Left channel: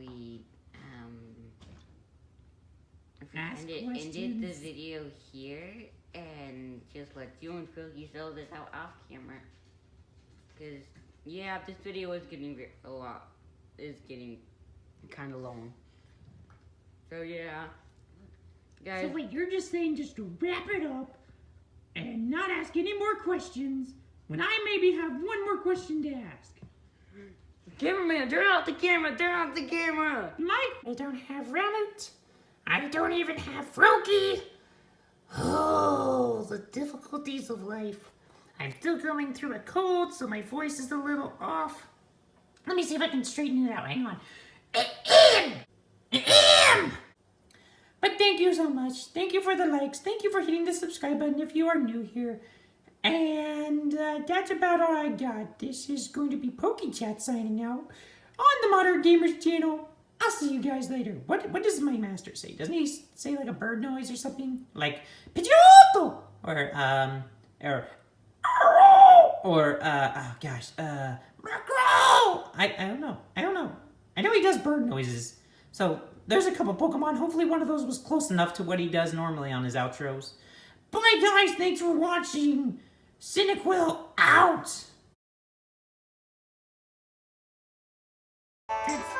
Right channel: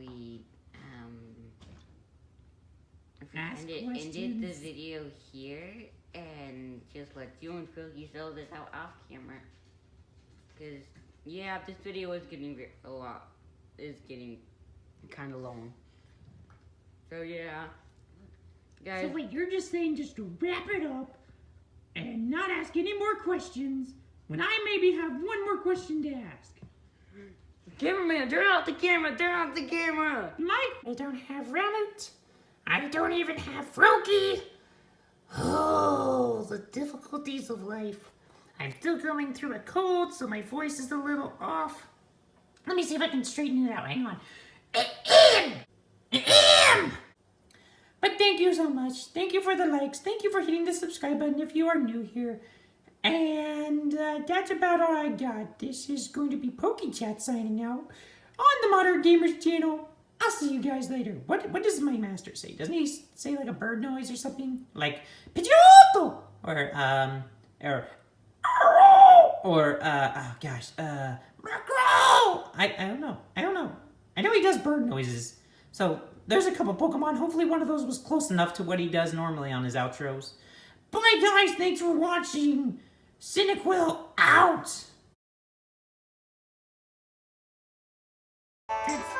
we ended the video here and just let you and Philly sell this out off camera. Because, yeah, this video is getting kind of long. So, yeah. Guys. So wait, you're just saying just to wrap it up and not ask any more questions when I maybe have one more question to ask. Cameraman, turn off the camera! Mike, I don't have Rabbit. I don't even have Froakie. Oh, the difficulties of life. I'm still going through a cold, so my voice is a little off. Let me see if I can straighten it out. Hang on. But thank you so much. Thank you for the likes. Thank you for hitting the subscribe button if you are new here. And that's about all I got. This is going to be PokeChat signing out on the Modern Gamers channel. I'll see you guys later. What does my master say? Doesn't he say like a bird noise or something? Like Pidgeotto! Or oh gosh, Macro! I don't know. I know he does bird noises. So there's a couple Pokemon. Hopefully one of those was close enough to what he does normally on his outros. Bye guys, thanks for watching. Cyndaquil out!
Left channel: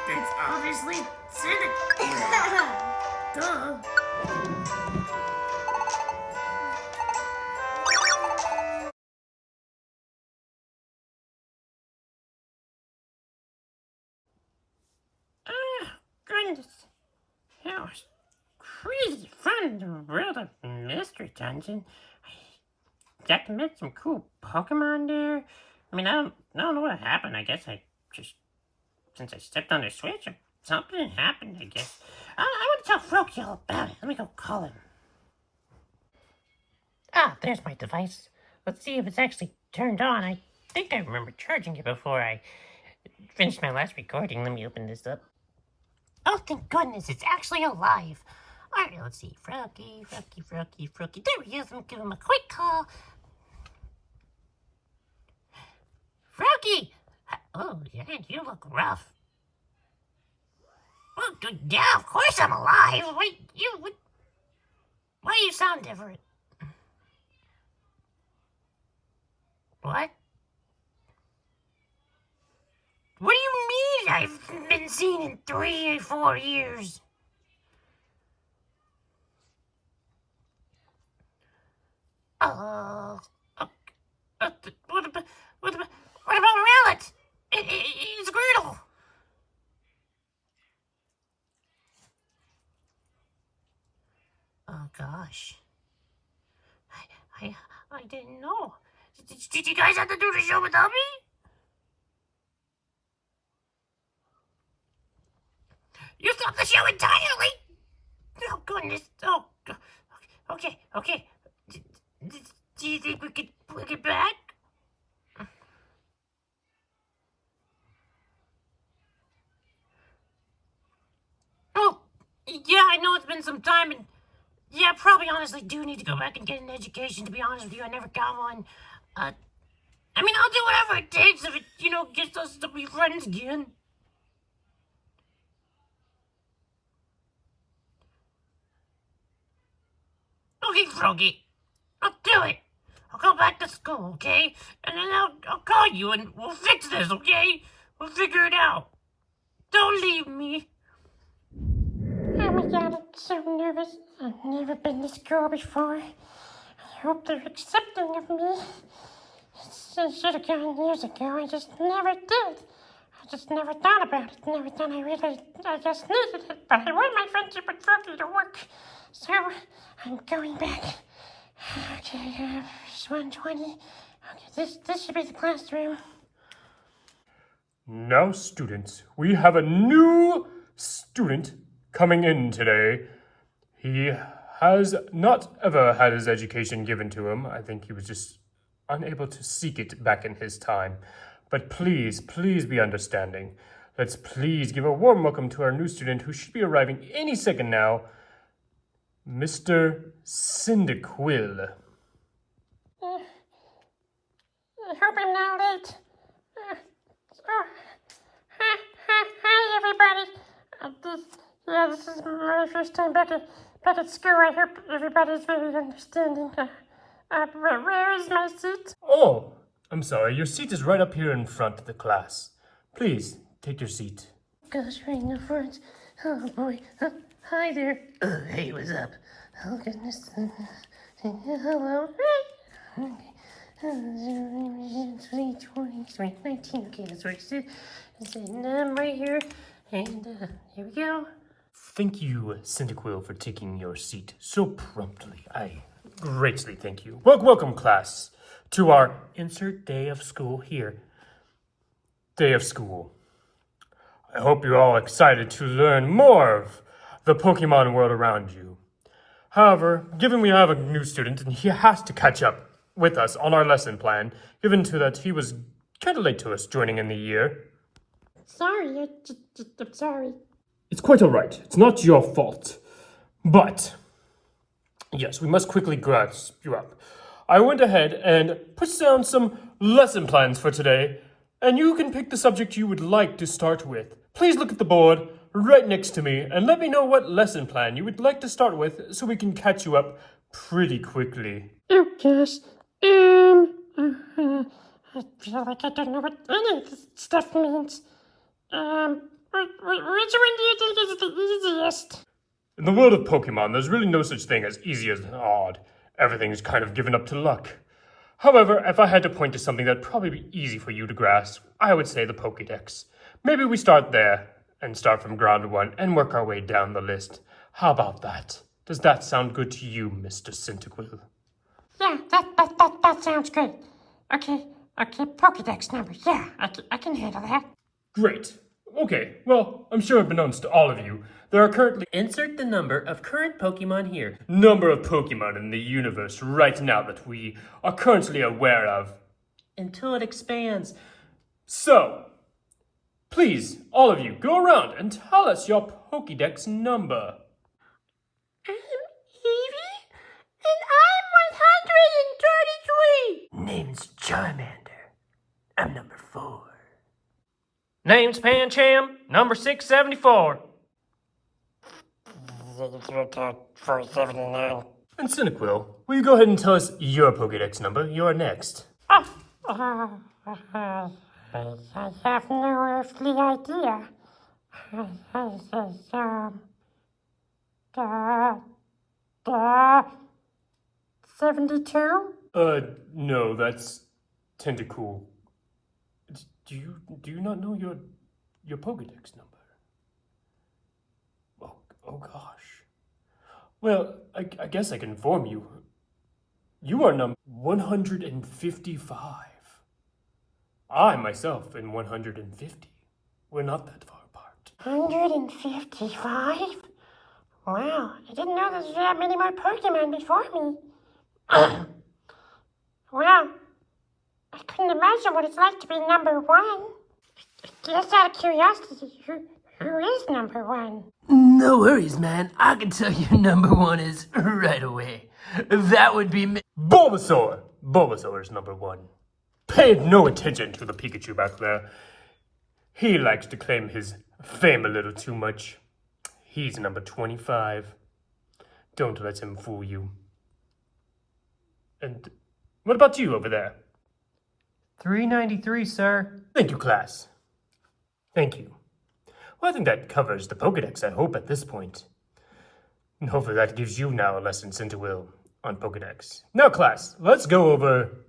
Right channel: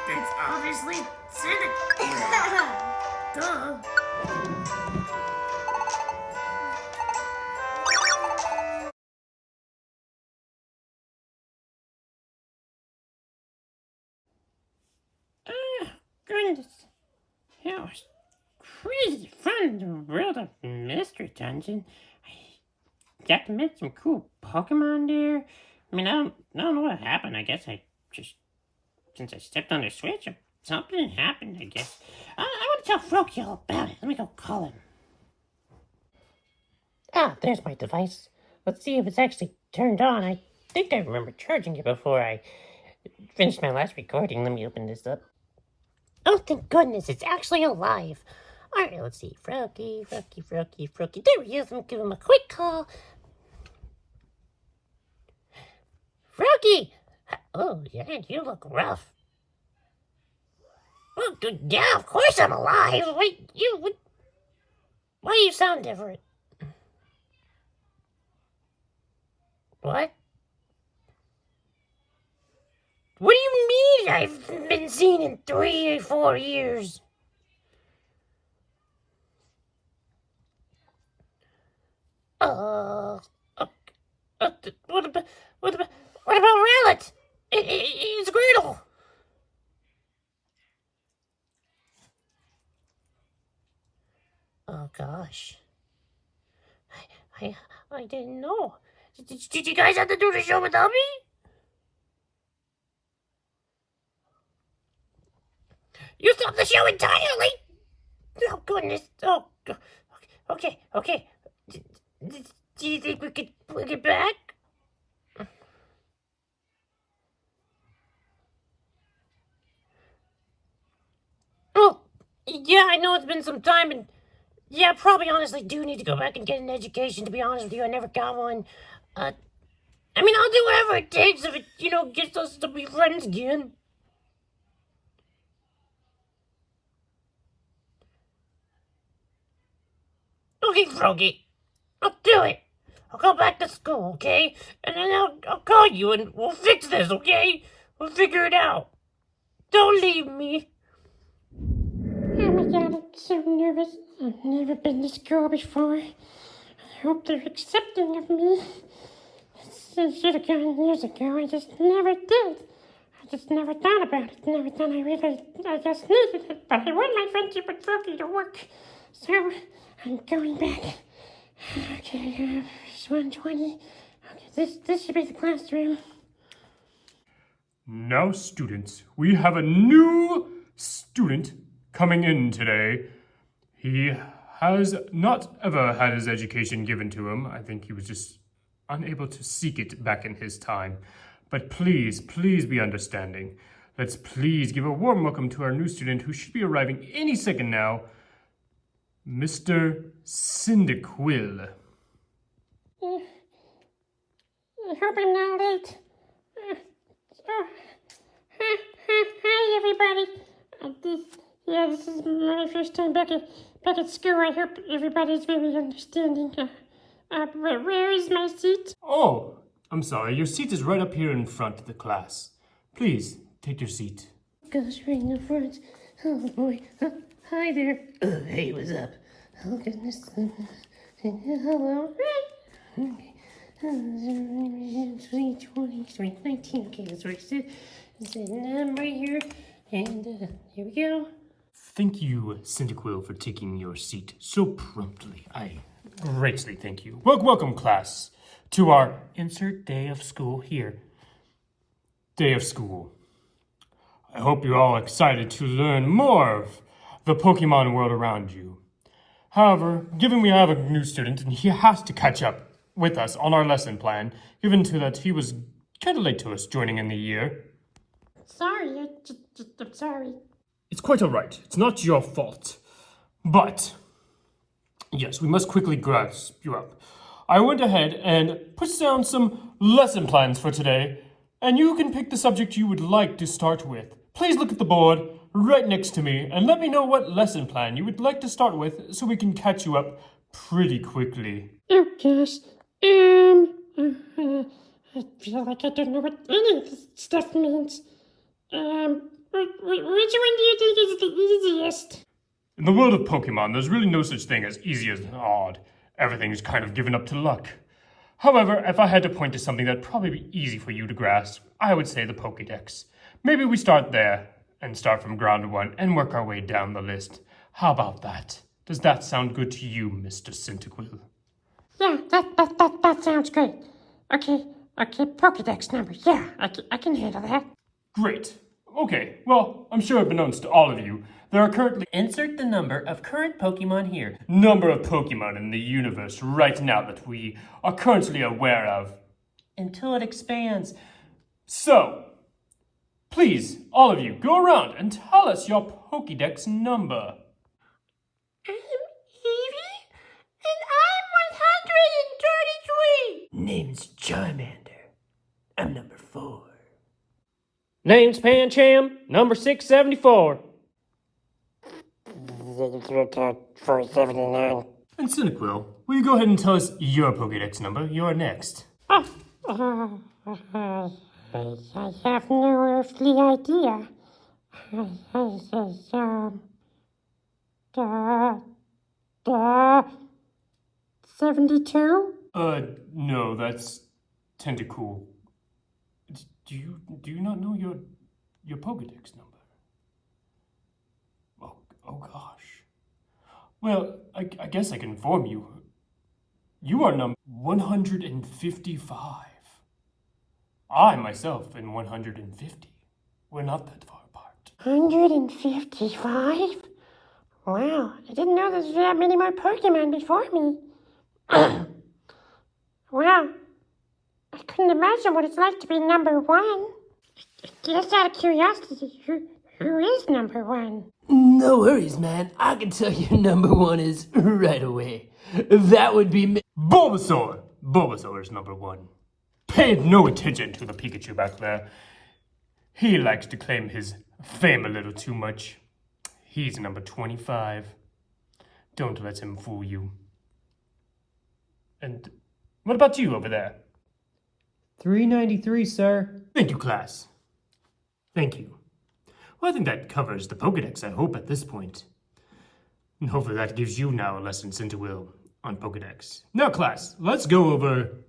It's obviously Cyndaquil. Duh. Goodness. That was crazy fun in the world of Mystery Dungeon. Got to meet some cool Pokemon there. I mean, I don't know what happened. I guess I just, since I stepped on the switch, something happened, I guess. I want to tell Froakie all about it. Let me go call him. Ah, there's my device. Let's see if it's actually turned on. I think I remember charging it before I finished my last recording. Let me open this up. Oh, thank goodness, it's actually alive. Alright, let's see. Froakie. There he is. I'm gonna give him a quick call. Froakie! Oh, yeah, you look rough. Well, yeah, of course I'm alive. Wait, why do you sound different? What? What do you mean I've been seen in 3 or 4 years? What about Rowlet? It's Gretel. Oh gosh. I didn't know. Did you guys have to do the show without me? You stopped the show entirely? Oh goodness. Oh, okay. Do you think we could bring it back? Well, yeah, I know it's been some time, and yeah, probably honestly do need to go back and get an education, to be honest with you. I never got one. I mean, I'll do whatever it takes if it, gets us to be friends again. Okay, Froakie, I'll do it. I'll go back to school, okay? And then I'll call you and we'll fix this, okay? We'll figure it out. Don't leave me. Oh my god, I'm so nervous. I've never been to school before. I hope they're accepting of me. I should have gone years ago. I just never did. I just never thought about it. Never thought I just needed it. But I want my friendship with Froakie to work. So, I'm going back. Okay, 120. Okay, this should be the classroom. Now, students, we have a new student coming in today. He has not ever had his education given to him. I think he was just unable to seek it back in his time. But please be understanding. Let's please give a warm welcome to our new student who should be arriving any second now, Mr. Cyndaquil. I hope I'm not late. Hi everybody. This is my first time back at school. I hope everybody's very understanding. Where is my seat? Oh, I'm sorry. Your seat is right up here in front of the class. Please, take your seat. Goes right in the front. Oh boy. Hi there. Hey, what's up? Oh goodness. Hello. Okay. 20, 19. Okay, that's right. It's a number here. And here we go. Thank you, Cyndaquil, for taking your seat so promptly. I greatly thank you. Welcome, class, to our insert day of school here. Day of school. I hope you're all excited to learn more of the Pokemon world around you. However, given we have a new student and he has to catch up with us on our lesson plan, given to that he was kind of late to us joining in the year. Sorry, I'm sorry. It's quite all right. It's not your fault. But, yes, we must quickly grasp you up. I went ahead and put down some lesson plans for today, and you can pick the subject you would like to start with. Please look at the board right next to me and let me know what lesson plan you would like to start with so we can catch you up pretty quickly. Oh gosh. I feel like I don't know what any of this stuff means. Which one do you think is the easiest? In the world of Pokemon, there's really no such thing as easy as odd. Everything's kind of given up to luck. However, if I had to point to something that'd probably be easy for you to grasp, I would say the Pokédex. Maybe we start there and start from ground one and work our way down the list. How about that? Does that sound good to you, Mr. Cyndaquil? Yeah, that sounds great. Okay, Pokédex number. Yeah, I can handle that. Great. Okay, well, I'm sure unbeknownst to all of you, there are currently... Insert the number of current Pokemon here. Number of Pokemon in the universe right now that we are currently aware of. Until it expands. So, please, all of you, go around and tell us your Pokédex number. I'm Evie, and I'm 133. Name's Charmander. I'm number 4. Name's Pancham, number 674. 479. And Cyndaquil, will you go ahead and tell us your Pokédex number? You're next. I have no earthly idea. 72? No, that's Tentacool. Do you not know your Pokédex number? Oh gosh. Well, I guess I can inform you. You are number 155. I myself am 150. We're not that far apart. 155? Wow, I didn't know there was that many more Pokemon before me. Wow, I couldn't imagine what it's like to be number 1. Just out of curiosity, who is number 1? No worries, man. I can tell you number 1 is right away. That would be me. Bulbasaur! Bulbasaur is number 1. Pay no attention to the Pikachu back there. He likes to claim his fame a little too much. He's number 25. Don't let him fool you. And what about you over there? 393, sir. Thank you, class. Thank you. Well, I think that covers the Pokédex, I hope, at this point. And hopefully that gives you now a lesson sent to Will on Pokédex. Now, class, let's go over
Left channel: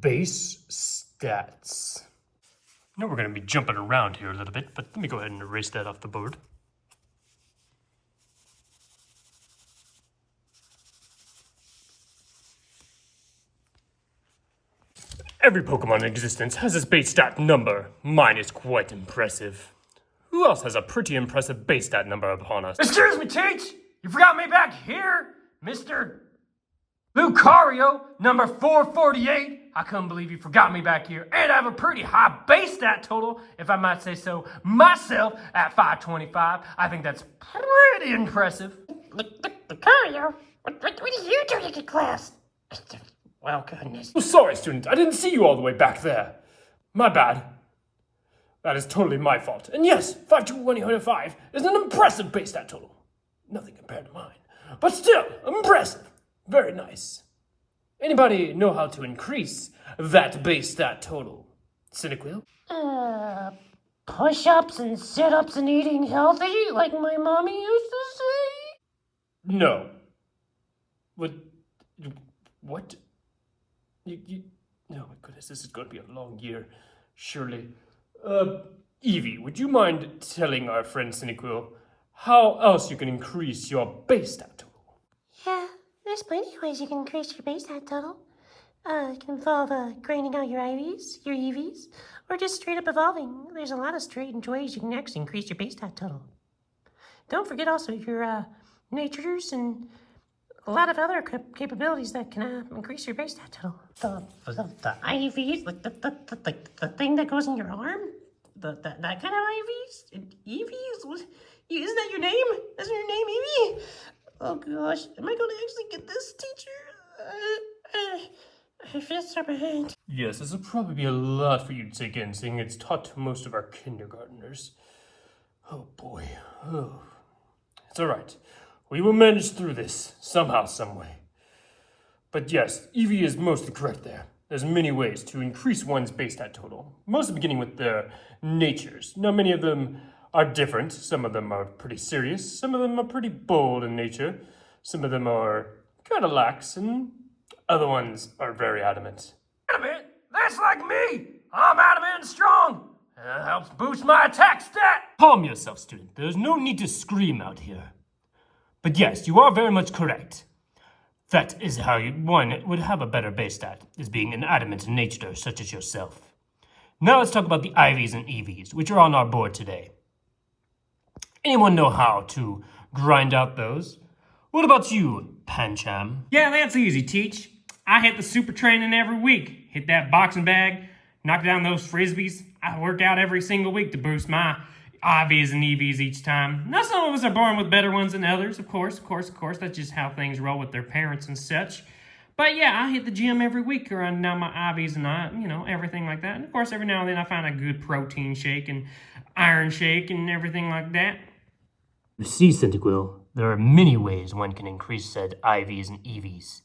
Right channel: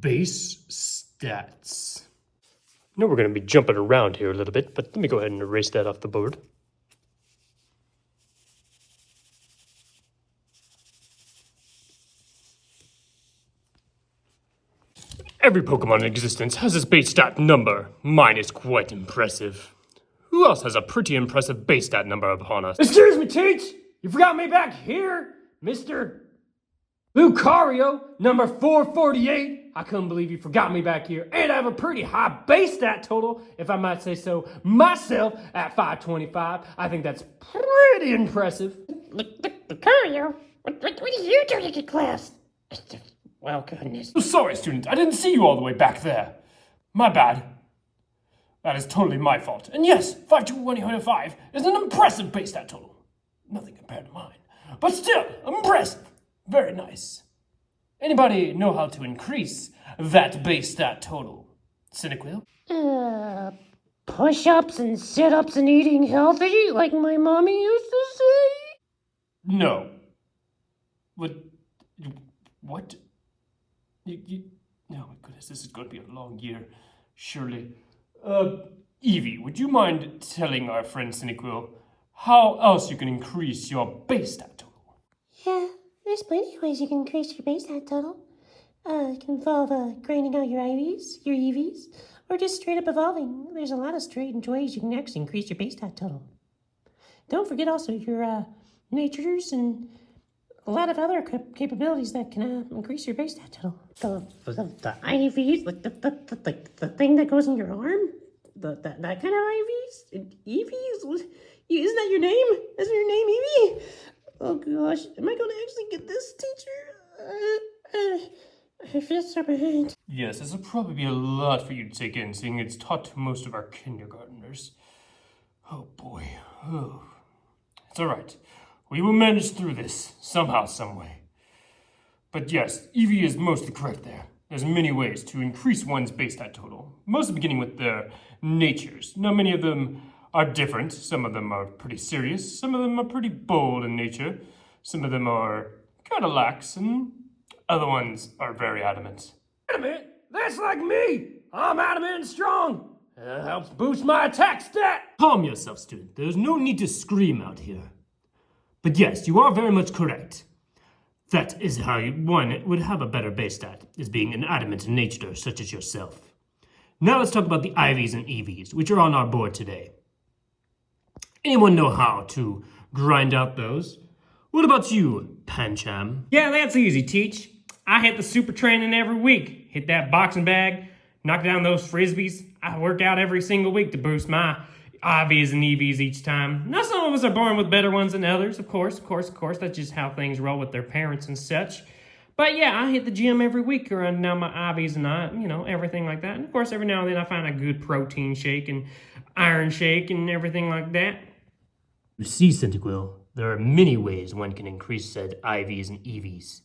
base stats. I know we're going to be jumping around here a little bit, but let me go ahead and erase that off the board. Every Pokemon in existence has its base stat number. Mine is quite impressive. Who else has a pretty impressive base stat number upon us? Excuse me, Teach! You forgot me back here, Mr. Lucario, number 448. I couldn't believe you forgot me back here. And I have a pretty high base stat total, if I might say so, myself, at 525. I think that's pretty impressive. Lucario? What are you doing in class? Well, goodness. Oh, sorry, student. I didn't see you all the way back there. My bad. That is totally my fault. And yes, 52105 is an impressive base stat total. Nothing compared to mine. But still, impressive. Very nice. Anybody know how to increase that base stat total? Cinequil? Push-ups and sit-ups and eating healthy, like my mommy used to say? No. What? Oh my goodness, this is going to be a long year, surely. Evie, would you mind telling our friend Cinequil how else you can increase your base stat total? Yeah, there's plenty of ways you can increase your base stat total. It can involve grinding out your IVs, your EVs, or just straight up evolving. There's a lot of strange ways you can actually increase your base stat total. Don't forget also your natures and a lot of other capabilities that can increase your base stat total. The IVs, like the thing that goes in your arm? That kind of IVs? EVs? Is that your name? Is your name Evie? Oh gosh, am I going to actually get this, teacher? I feel so bad. Yes, this will probably be a lot for you to take in, seeing it's taught to most of our kindergartners. Oh boy. Oh. It's alright. We will manage through this, somehow, someway. But yes, Evie is mostly correct there. There's many ways to increase one's base stat total, mostly beginning with their natures. Now, many of them are different. Some of them are pretty serious. Some of them are pretty bold in nature. Some of them are kind of lax, and other ones are very adamant. Adamant? That's like me! I'm adamant and strong! That helps boost my attack stat! Calm yourself, student. There's no need to scream out here. But yes, you are very much correct. That is how one would have a better base stat, is being an adamant nature such as yourself. Now let's talk about the IVs and EVs, which are on our board today. Anyone know how to grind out those? What about you, Pancham? Yeah, that's easy, Teach. I hit the super training every week. Hit that boxing bag, knock down those frisbees. I work out every single week to boost my IVs and EVs each time. Now, some of us are born with better ones than others, of course. That's just how things roll with their parents and such. But yeah, I hit the gym every week around down my IVs and everything like that. And of course, every now and then I find a good protein shake and iron shake and everything like that. You see, Centiquil, there are many ways one can increase said IVs and EVs.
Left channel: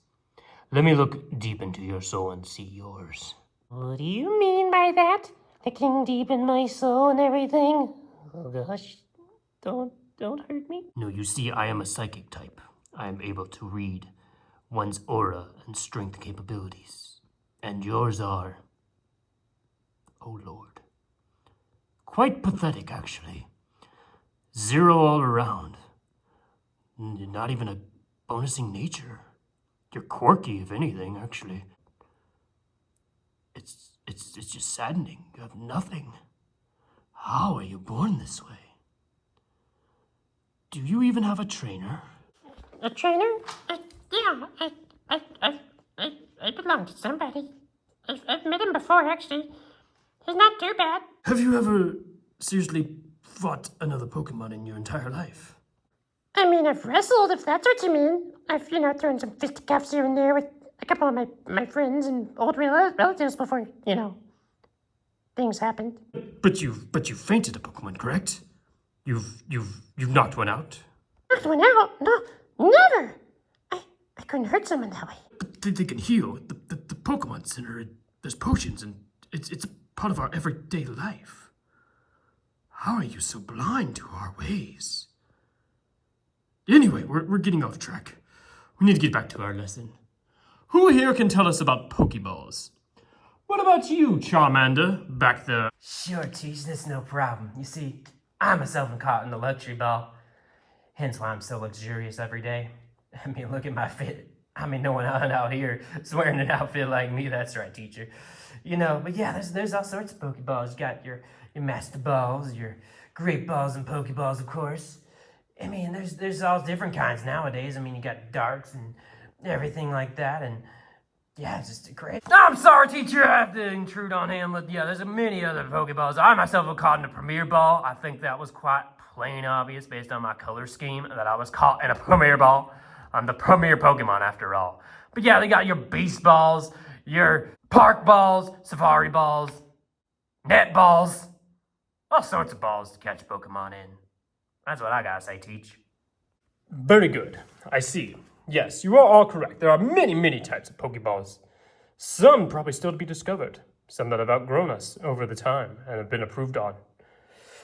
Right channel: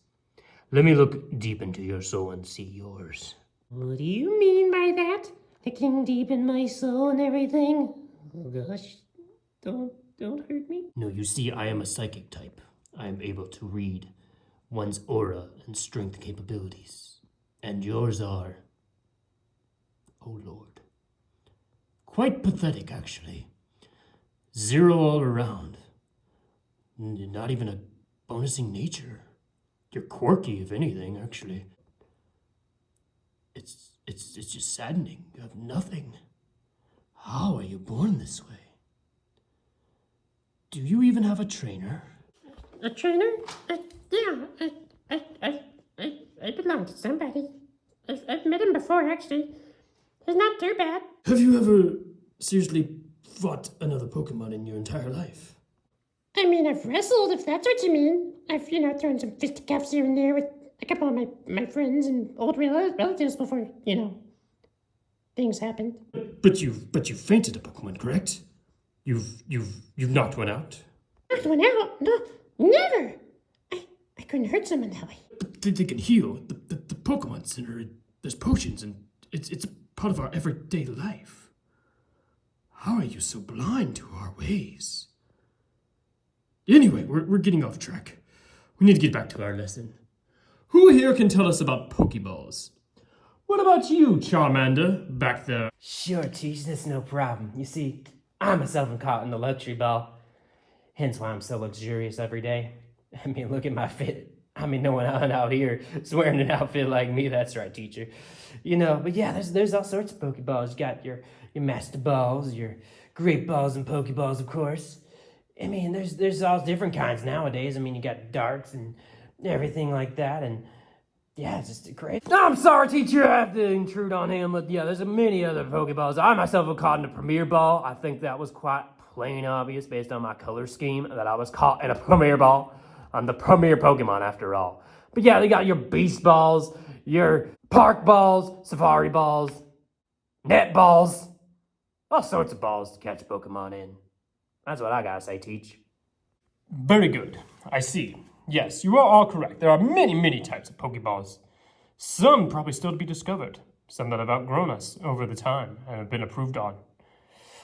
Let me look deep into your soul and see yours. What do you mean by that? Looking deep in my soul and everything? Oh gosh, don't hurt me. No, you see, I am a psychic type. I am able to read one's aura and strength capabilities. And yours are, oh Lord, quite pathetic, actually. 0 all around. Not even a bonusing nature. You're quirky, if anything, actually. It's just saddening. You have nothing. How are you born this way? Do you even have a trainer? A trainer? Yeah, I belong to somebody. I've met him before, actually. He's not too bad. Have you ever seriously fought another Pokemon in your entire life? I mean, I've wrestled, if that's what you mean. I've, thrown some fisticuffs here and there with a couple of my friends and old relatives before, things happened. But you fainted a Pokemon, correct? You've knocked one out? Knocked one out? No, never! I couldn't hurt someone that way. But they can heal. The Pokemon Center, there's potions, and it's a part of our everyday life. How are you so blind to our ways? Anyway, we're getting off track. We need to get back to our lesson. Who here can tell us about Pokeballs? What about you, Charmander, back there? Sure, Teach, that's no problem. You see, I myself am caught in the luxury ball. Hence why I'm so luxurious every day. I mean, look at my fit. I mean, no one out here is wearing an outfit like me. That's right, teacher. But yeah, there's all sorts of Pokeballs. You got your Master Balls, your Great Balls and Pokeballs, of course. I mean, there's all different kinds nowadays. I mean, you got darts and everything like that, and yeah, it's just great. I'm sorry, teacher, I have to intrude on him, but yeah, there's many other Pokeballs. I myself was caught in a Premier Ball. I think that was quite plain obvious based on my color scheme that I was caught in a Premier Ball. I'm the Premier Pokemon after all. But yeah, they got your Beast Balls, your Park Balls, Safari Balls, Net Balls, All sorts of balls to catch Pokemon in. That's what I gotta say, Teach. Very good. I see. Yes, you are all correct. There are many, many types of Pokeballs. Some probably still to be discovered. Some that have outgrown us over the time and have been improved on.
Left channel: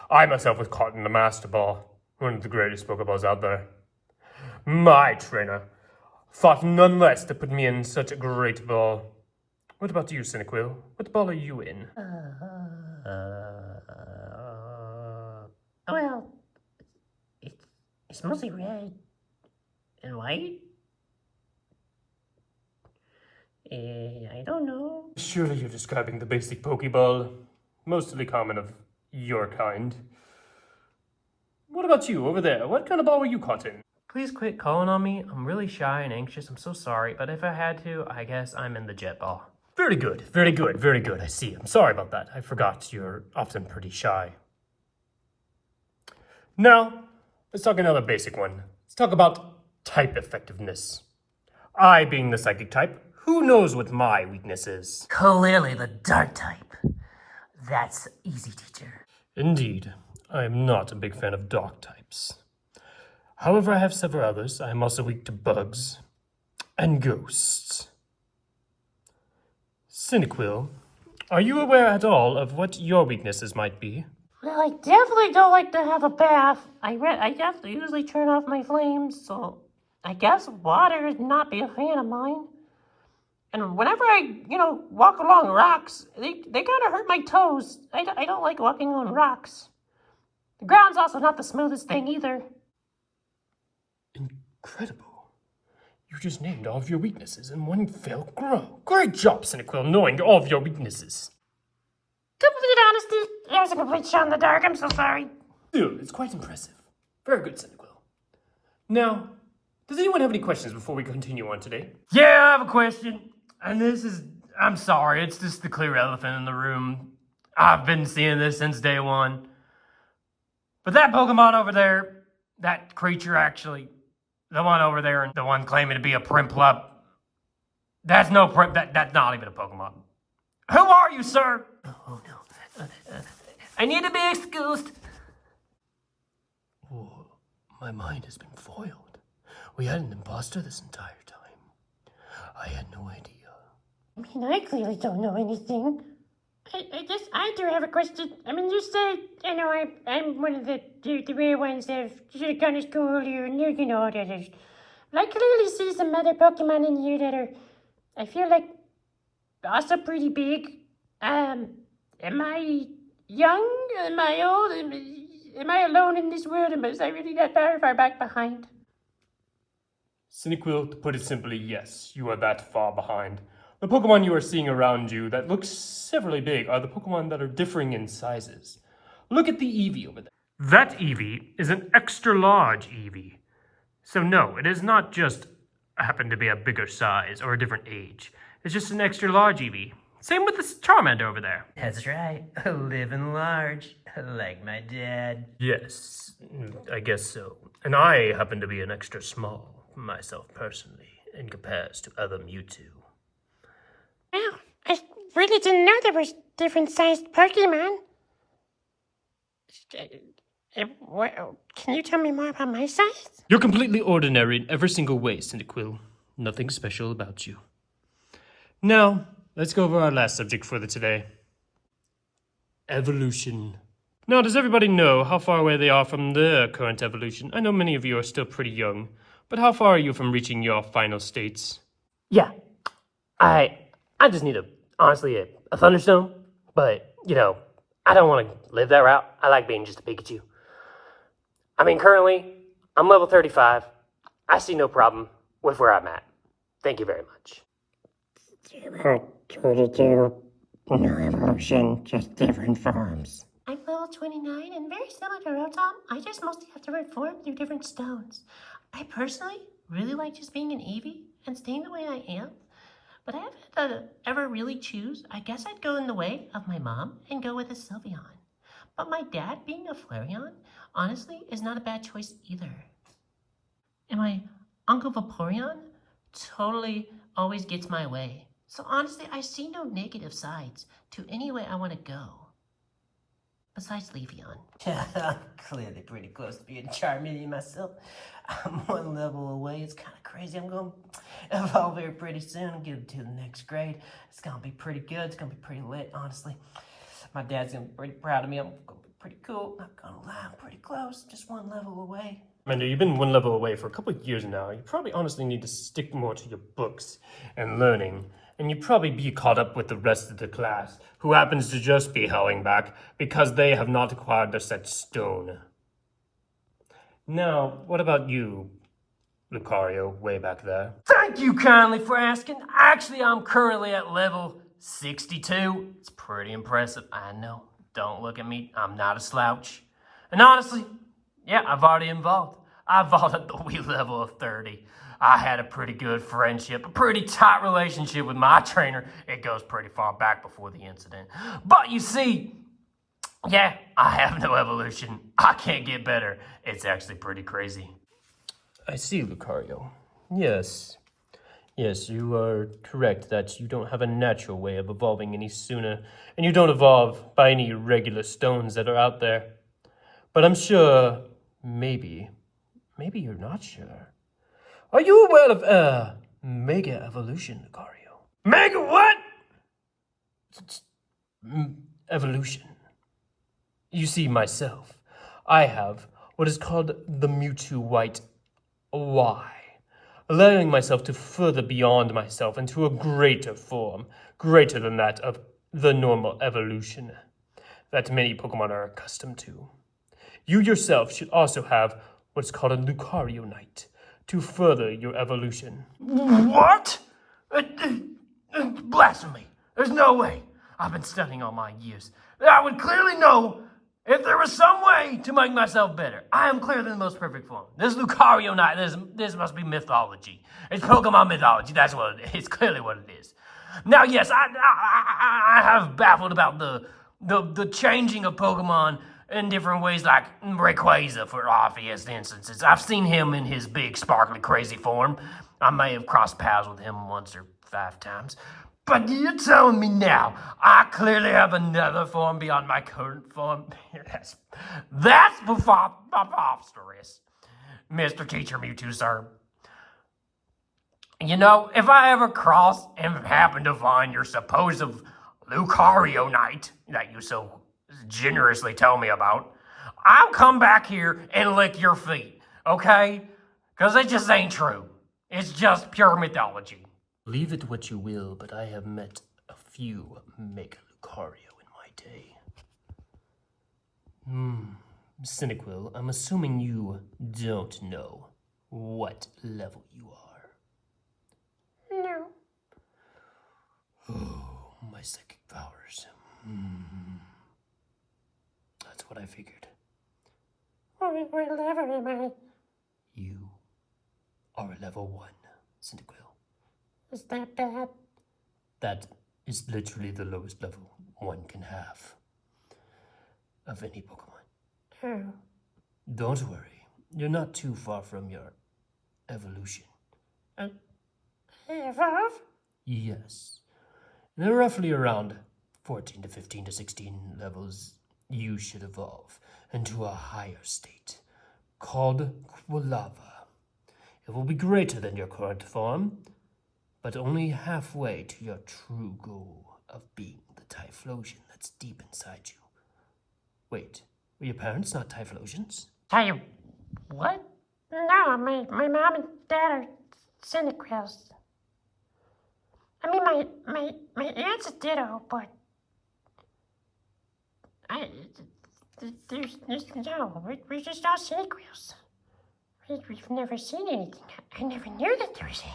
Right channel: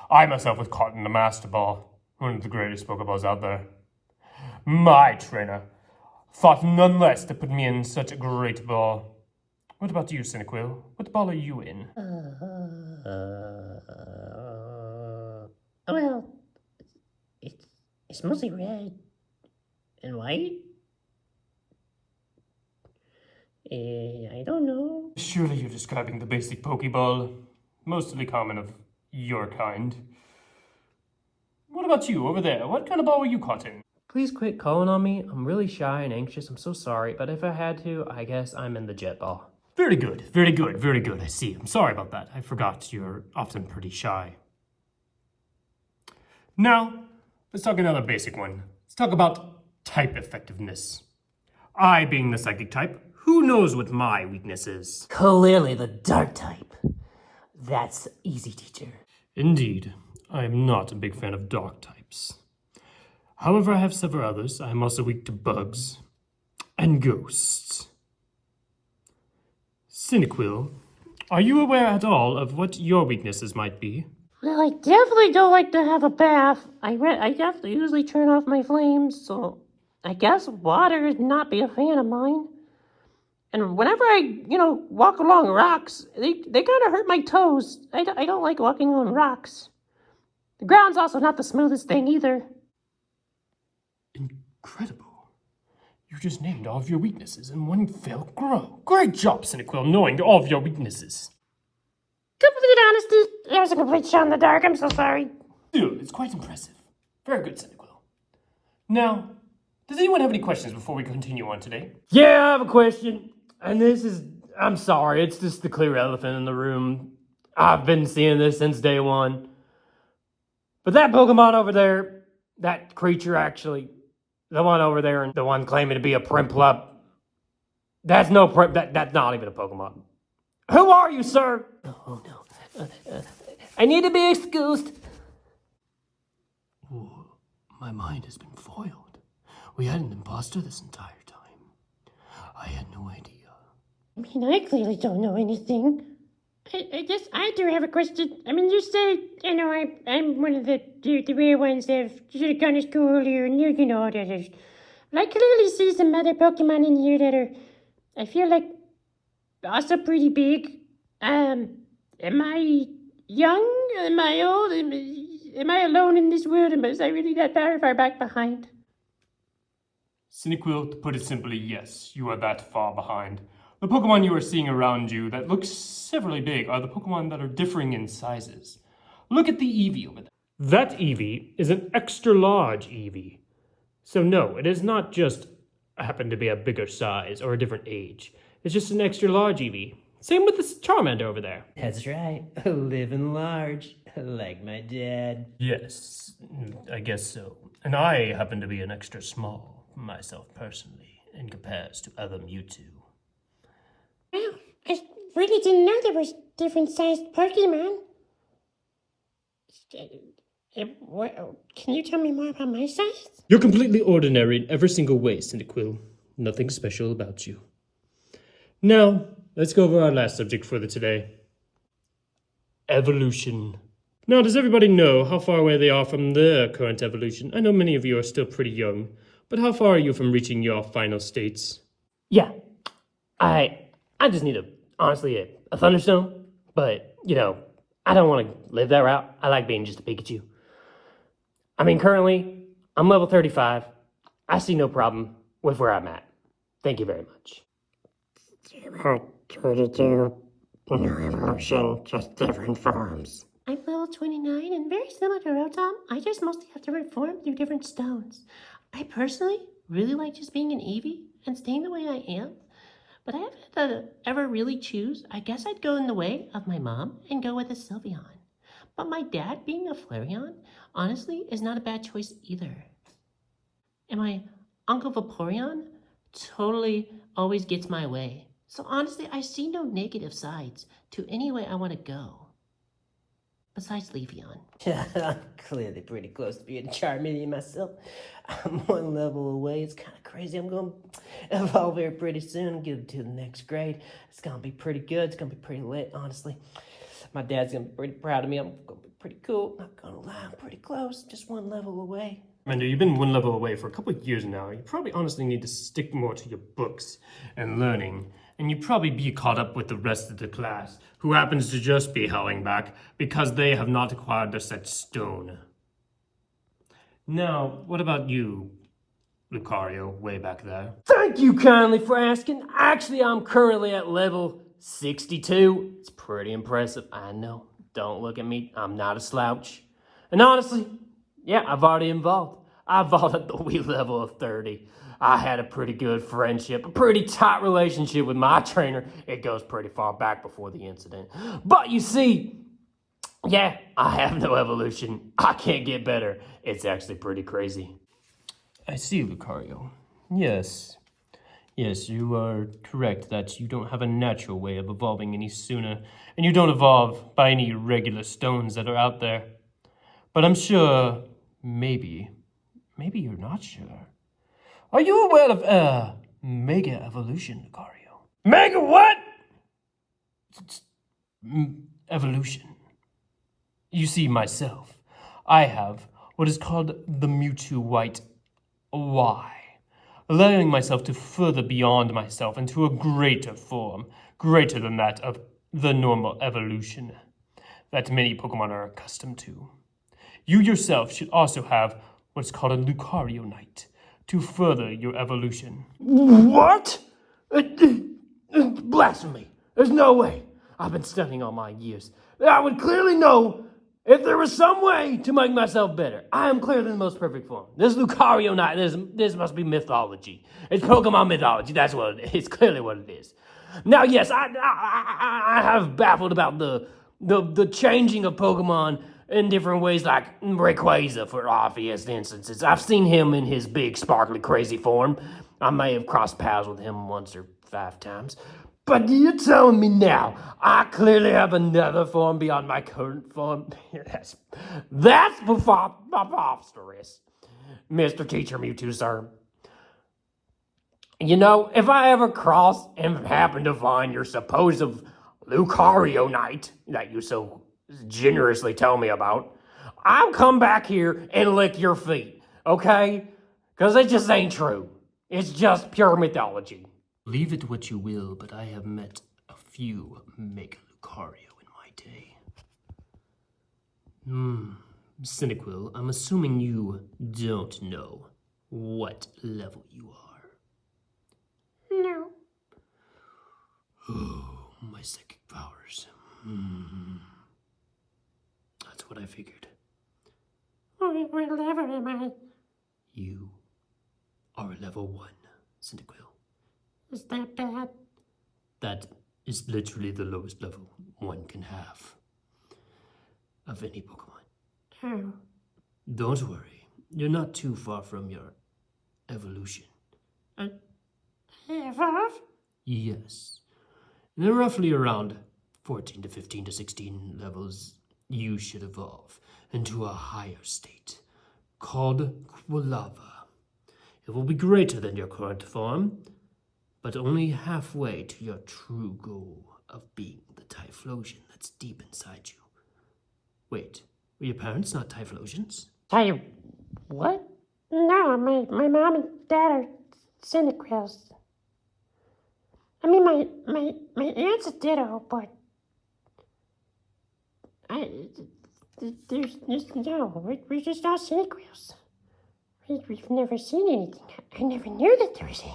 I myself was caught in the Master Ball, one of the greatest Pokeballs out there. My trainer thought none less to put me in such a great ball. What about you, Cyndaquil? What ball are you in? Well, it's mostly red and white. I don't know. Surely you're describing the basic Pokeball, mostly common of your kind. What about you over there? What kind of ball were you caught in? Please quit calling on me. I'm really shy and anxious. I'm so sorry, but if I had to, I guess I'm in the jet ball. Very good, very good, very good. I see. I'm sorry about that. I forgot you're often pretty shy. Now, let's talk another basic one. Let's talk about type effectiveness. I, being the psychic type, who knows what my weakness is? Clearly the dark type. That's easy, teacher. Indeed, I am not a big fan of dark types. However, I have several others. I am also weak to bugs and ghosts. Cyndaquil, are you aware at all of what your weaknesses might be? Well, I definitely don't like to have a bath. I have to usually turn off my flames, so I guess water would not be a fan of mine. And whenever I, walk along rocks, they kind of hurt my toes. I don't like walking on rocks. The ground's also not the smoothest thing either. Incredible. You just named all of your weaknesses in one fell grow. Great job, Cyndaquil, knowing all of your weaknesses. Complete honesty, it was a complete shot in the dark. I'm so sorry. Dude, it's quite impressive. Very good, Cyndaquil. Now, does anyone have any questions before we continue on today? Yeah, I have a question. And I'm sorry, it's just the clear elephant in the room. I've been seeing this since day one. But that Pokemon over there, that creature actually, the one over there, and the one claiming to be a Primplup, that's no that's not even a Pokemon. Who are you, sir? Oh no. I need to be excused. Ooh, my mind has been foiled. We had an imposter this entire time. I had no idea. I mean, I clearly don't know anything. I do have a question. I mean, you said, I'm one of the rare ones that should have gone to school earlier, and you know how that is. But I clearly see some other Pokemon in here that are, I feel like, also pretty big. Am I young? Am I old? Am I alone in this world? Am I really that far back behind? Cyndaquil, to put it simply, yes, you are that far behind. The Pokemon you are seeing around you that look severely big are the Pokemon that are differing in sizes. Look at the Eevee over there. That Eevee is an extra large Eevee. So no, it is not just happen to be a bigger size or a different age. It's just an extra large Eevee. Same with this Charmander over there. That's right. Living large, like my dad. Yes, I guess so. And I happen to be an extra small, myself personally, in comparison to other Mewtwo. Wow, I really didn't know there was different sized Pokemon. Can you tell me more about my size? You're completely ordinary in every single way, Cyndaquil. Nothing special about you. Now, let's go over our last subject for today. Evolution. Now, does everybody know how far away they are from their current evolution? I know many of you are still pretty young, but how far are you from reaching your final states? Yeah. I just need honestly, a Thunderstone. But, I don't want to live that route. I like being just a Pikachu. I mean, currently, I'm level 35. I see no problem with where I'm at. Thank you very much. About 22. No evolution, just different forms. I'm level 29 and very similar to Rotom. I just mostly have to reform through different stones. I personally really like just being an Eevee and staying the way I am. But I haven't had to ever really choose. I guess I'd go in the way of my mom and go with a Sylveon. But my dad being a Flareon, honestly, is not a bad choice either. And my Uncle Vaporeon totally always gets my way. So honestly, I see no negative sides to any way I want to go. Besides Le'Veon. I'm clearly pretty close to being Charmeleon myself. I'm one level away. It's kind of crazy. I'm going to evolve here pretty soon, get to the next grade. It's going to be pretty good. It's going to be pretty lit, honestly. My dad's going to be pretty proud of me. I'm going to be pretty cool. Not going to lie, I'm pretty close. Just one level away. Amanda, you've been one level away for a couple of years now. You probably honestly need to stick more to your books and learning. And you probably be caught up with the rest of the class, who happens to just be howling back because they have not acquired the set stone. Now, what about you, Lucario, way back there? Thank you kindly for asking. Actually, I'm currently at level 62. It's pretty impressive. I know. Don't look at me. I'm not a slouch. And honestly, yeah, I've already evolved. I evolved at the wee level of 30. I had a pretty good friendship, a pretty tight relationship with my trainer. It goes pretty far back before the incident. But you see, yeah, I have no evolution. I can't get better. It's actually pretty crazy. I see, Lucario. Yes. Yes, you are correct that you don't have a natural way of evolving any sooner, and you don't evolve by any regular stones that are out there. But I'm sure, maybe you're not sure. Are you aware of, Mega Evolution, Lucario? Mega what? Evolution. You see, myself, I have what is called the Mewtwo White Y, allowing myself to further beyond myself into a greater form, greater than that of the normal evolution that many Pokemon are accustomed to. You yourself should also have what's called a Lucario Knight to further your evolution. What? Blasphemy. There's no way. I've been studying all my years. I would clearly know if there was some way to make myself better. I am clearly the most perfect form. This Lucario Knight, this must be mythology. It's Pokemon mythology. That's what it is. It's clearly what it is. Now, yes, I have baffled about the changing of Pokemon in different ways, like Rayquaza, for obvious instances. I've seen him in his big, sparkly, crazy form. I may have crossed paths with him once or 5 times. But you're telling me now, I clearly have another form beyond my current form? Yes. That's preposterous. Mr. Teacher Mewtwo, sir. You know, if I ever cross and happen to find your supposed Lucario Knight that you so generously tell me about, I'll come back here and lick your feet, okay? Because it just ain't true. It's just pure mythology. Leave it what you will, but I have met a few Mega Lucario in my day. Cyndaquil, I'm assuming you don't know what level you are. No. Oh, my psychic powers. That's what I figured. What level am I? You are level 1, Cyndaquil. Is that bad? That is literally the lowest level one can have of any Pokemon. Oh. Don't worry, you're not too far from your evolution. Evolve? Yes. They're roughly around 14 to 15 to 16 levels. You should evolve into a higher state called Quilava. It will be greater than your current form, but only halfway to your true goal of being the Typhlosion that's deep inside you. Wait, were your parents not Typhlosions? What? No, my mom and dad are Cyndaquils. I mean, my aunt's a Ditto, but we're just all Cyndaquils. We've never seen anything. I never knew that there was any.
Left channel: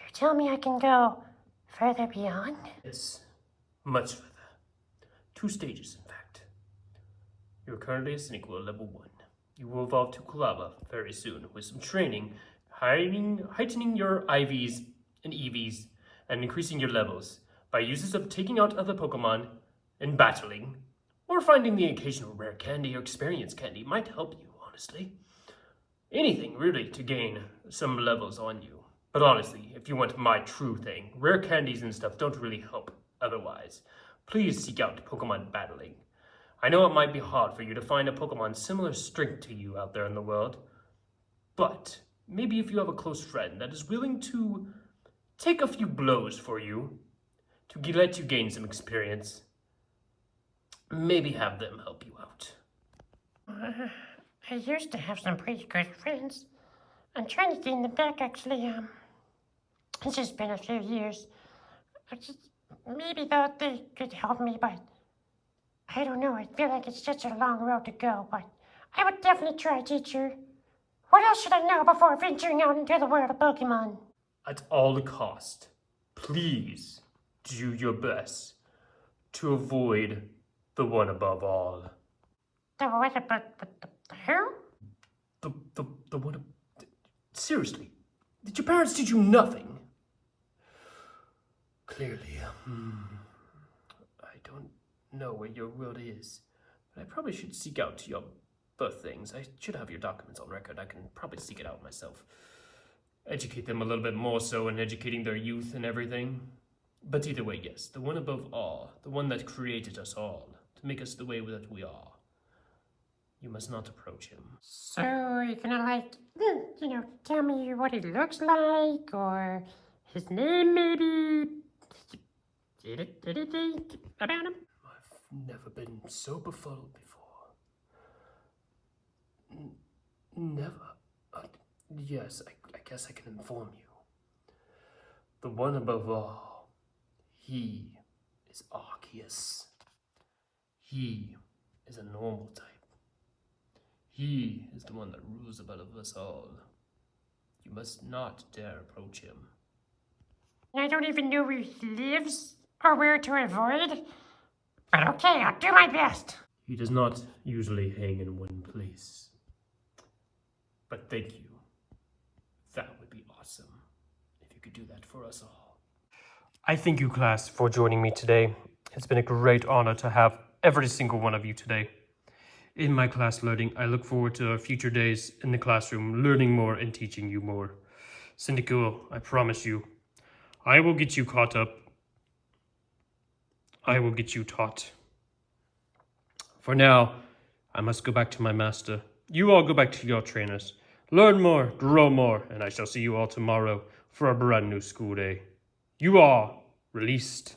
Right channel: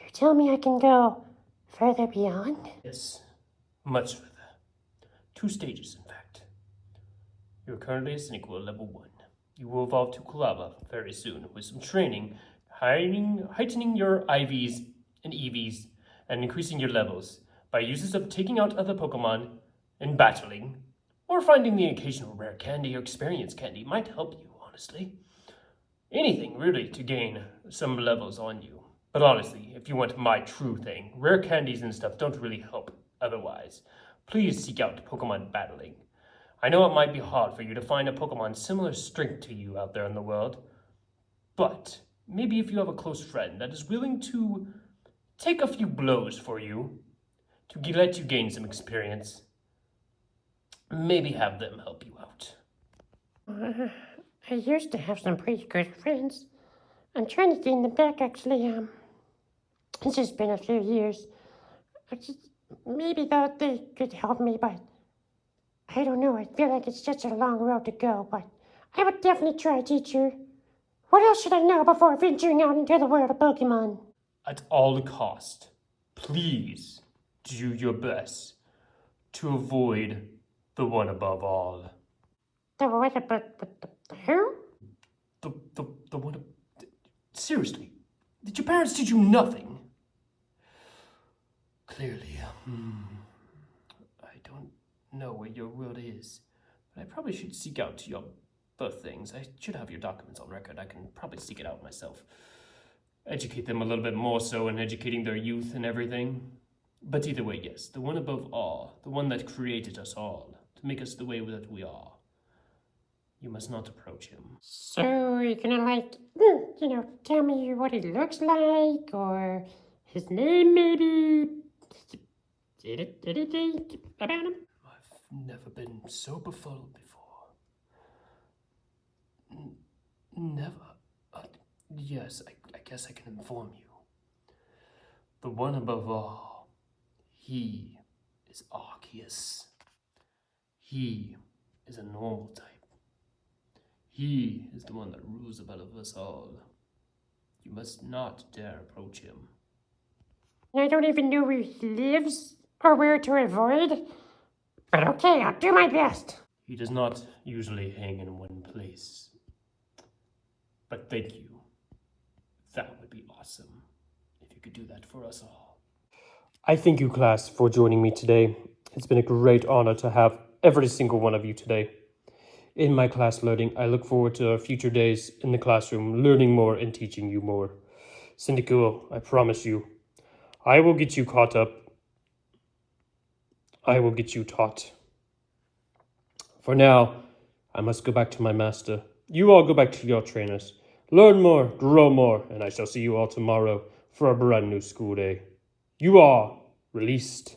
You're telling me I can go further beyond? Yes, much further. 2 stages, in fact. You're currently a Cyndaquil level 1. You will evolve to Quilava very soon with some training, heightening your IVs and EVs, and increasing your levels by uses of taking out other Pokemon and battling, or finding the occasional rare candy or experience candy might help you, honestly. Anything, really, to gain some levels on you. But honestly, if you want my true thing, rare candies and stuff don't really help otherwise. Please seek out Pokemon battling. I know it might be hard for you to find a Pokemon similar strength to you out there in the world, but maybe if you have a close friend that is willing to take a few blows for you, to let you gain some experience, maybe have them help you out. I used to have some pretty good friends. I'm trying to gain them back, actually. It's just been a few years. Maybe thought they could help me, but I don't know. I feel like it's such a long road to go, but I would definitely try, teacher. What else should I know before venturing out into the world of Pokemon? At all cost, please do your best to avoid the one above all. The what about the who? The one. Seriously, did your parents teach you nothing? Clearly, I don't know where your world is, but I probably should seek out your both things. I should have your documents on record. I can probably seek it out myself. Educate them a little bit more so in educating their youth and everything. But either way, yes, the one above all, the one that created us all, to make us the way that we are. You must not approach him. So you're gonna tell me what he looks like, or his name maybe? Anything about him? I've never been so befuddled before. Never. Yes, I guess I can inform you. The one above all, he is Arceus. He is a normal type. He is the one that rules above us all. You must not dare approach him. I don't even know where he lives or where to avoid. But okay, I'll do my best. He does not usually hang in one place. But thank you. That would be awesome if you could do that for us all. I thank you, class, for joining me today. It's been a great honor to have every single one of you today. In my class learning, I look forward to our future days in the classroom, learning more and teaching you more. Cyndaquil, I promise you, I will get you caught up. I will get you taught. For now, I must go back to my master. You all go back to your trainers. Learn more, grow more, and I shall see you all tomorrow for a brand new school day. You are released.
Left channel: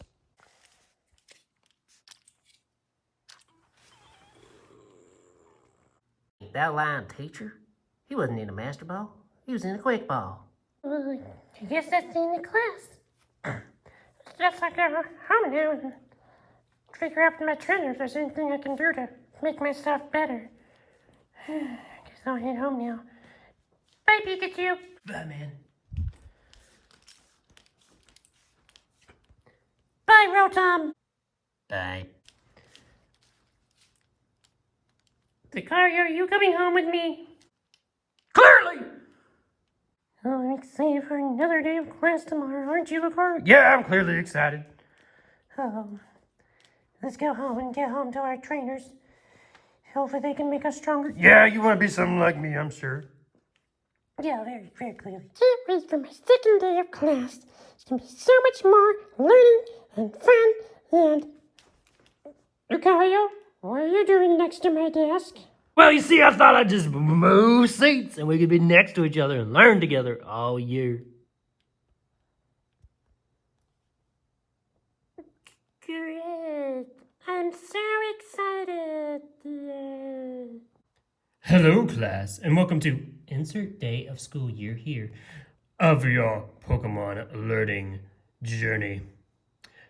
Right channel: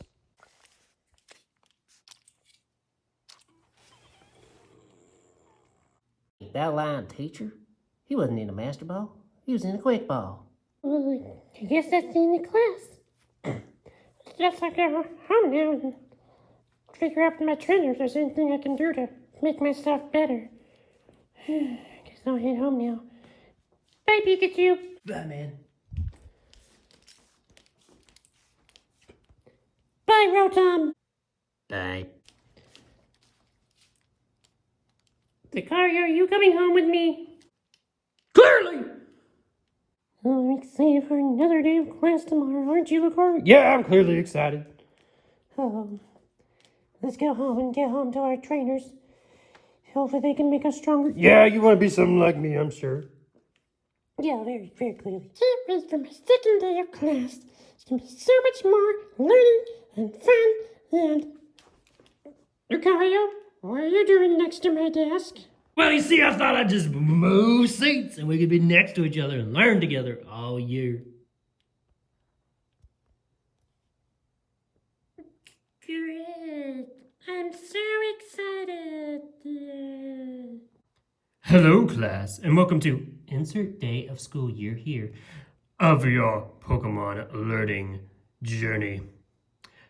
That lying teacher? He wasn't in a master ball. He was in a quick ball. Well, I guess that's the end of class. Just like I go home now and figure out with my trainer if there's anything I can do to make myself better. I guess I'll head home now. Bye, Pikachu. Bye, man. Bye, Rotom. Bye. Lucario, are you coming home with me? Clearly! Oh, I'm excited for another day of class tomorrow, aren't you, Lucario? Yeah, I'm clearly excited. Oh, let's go home and get home to our trainers. Hopefully they can make us stronger. Yeah, you want to be something like me, I'm sure. Yeah, very, very clearly. Can't wait for my second day of class. It's going to be so much more learning and fun and... Lucario, what are you doing next to my desk? Well, you see, I thought I'd just move seats and we could be next to each other and learn together all year. Great. I'm so excited. Yay. Hello, class, and welcome to insert day of school year here of your Pokemon learning journey.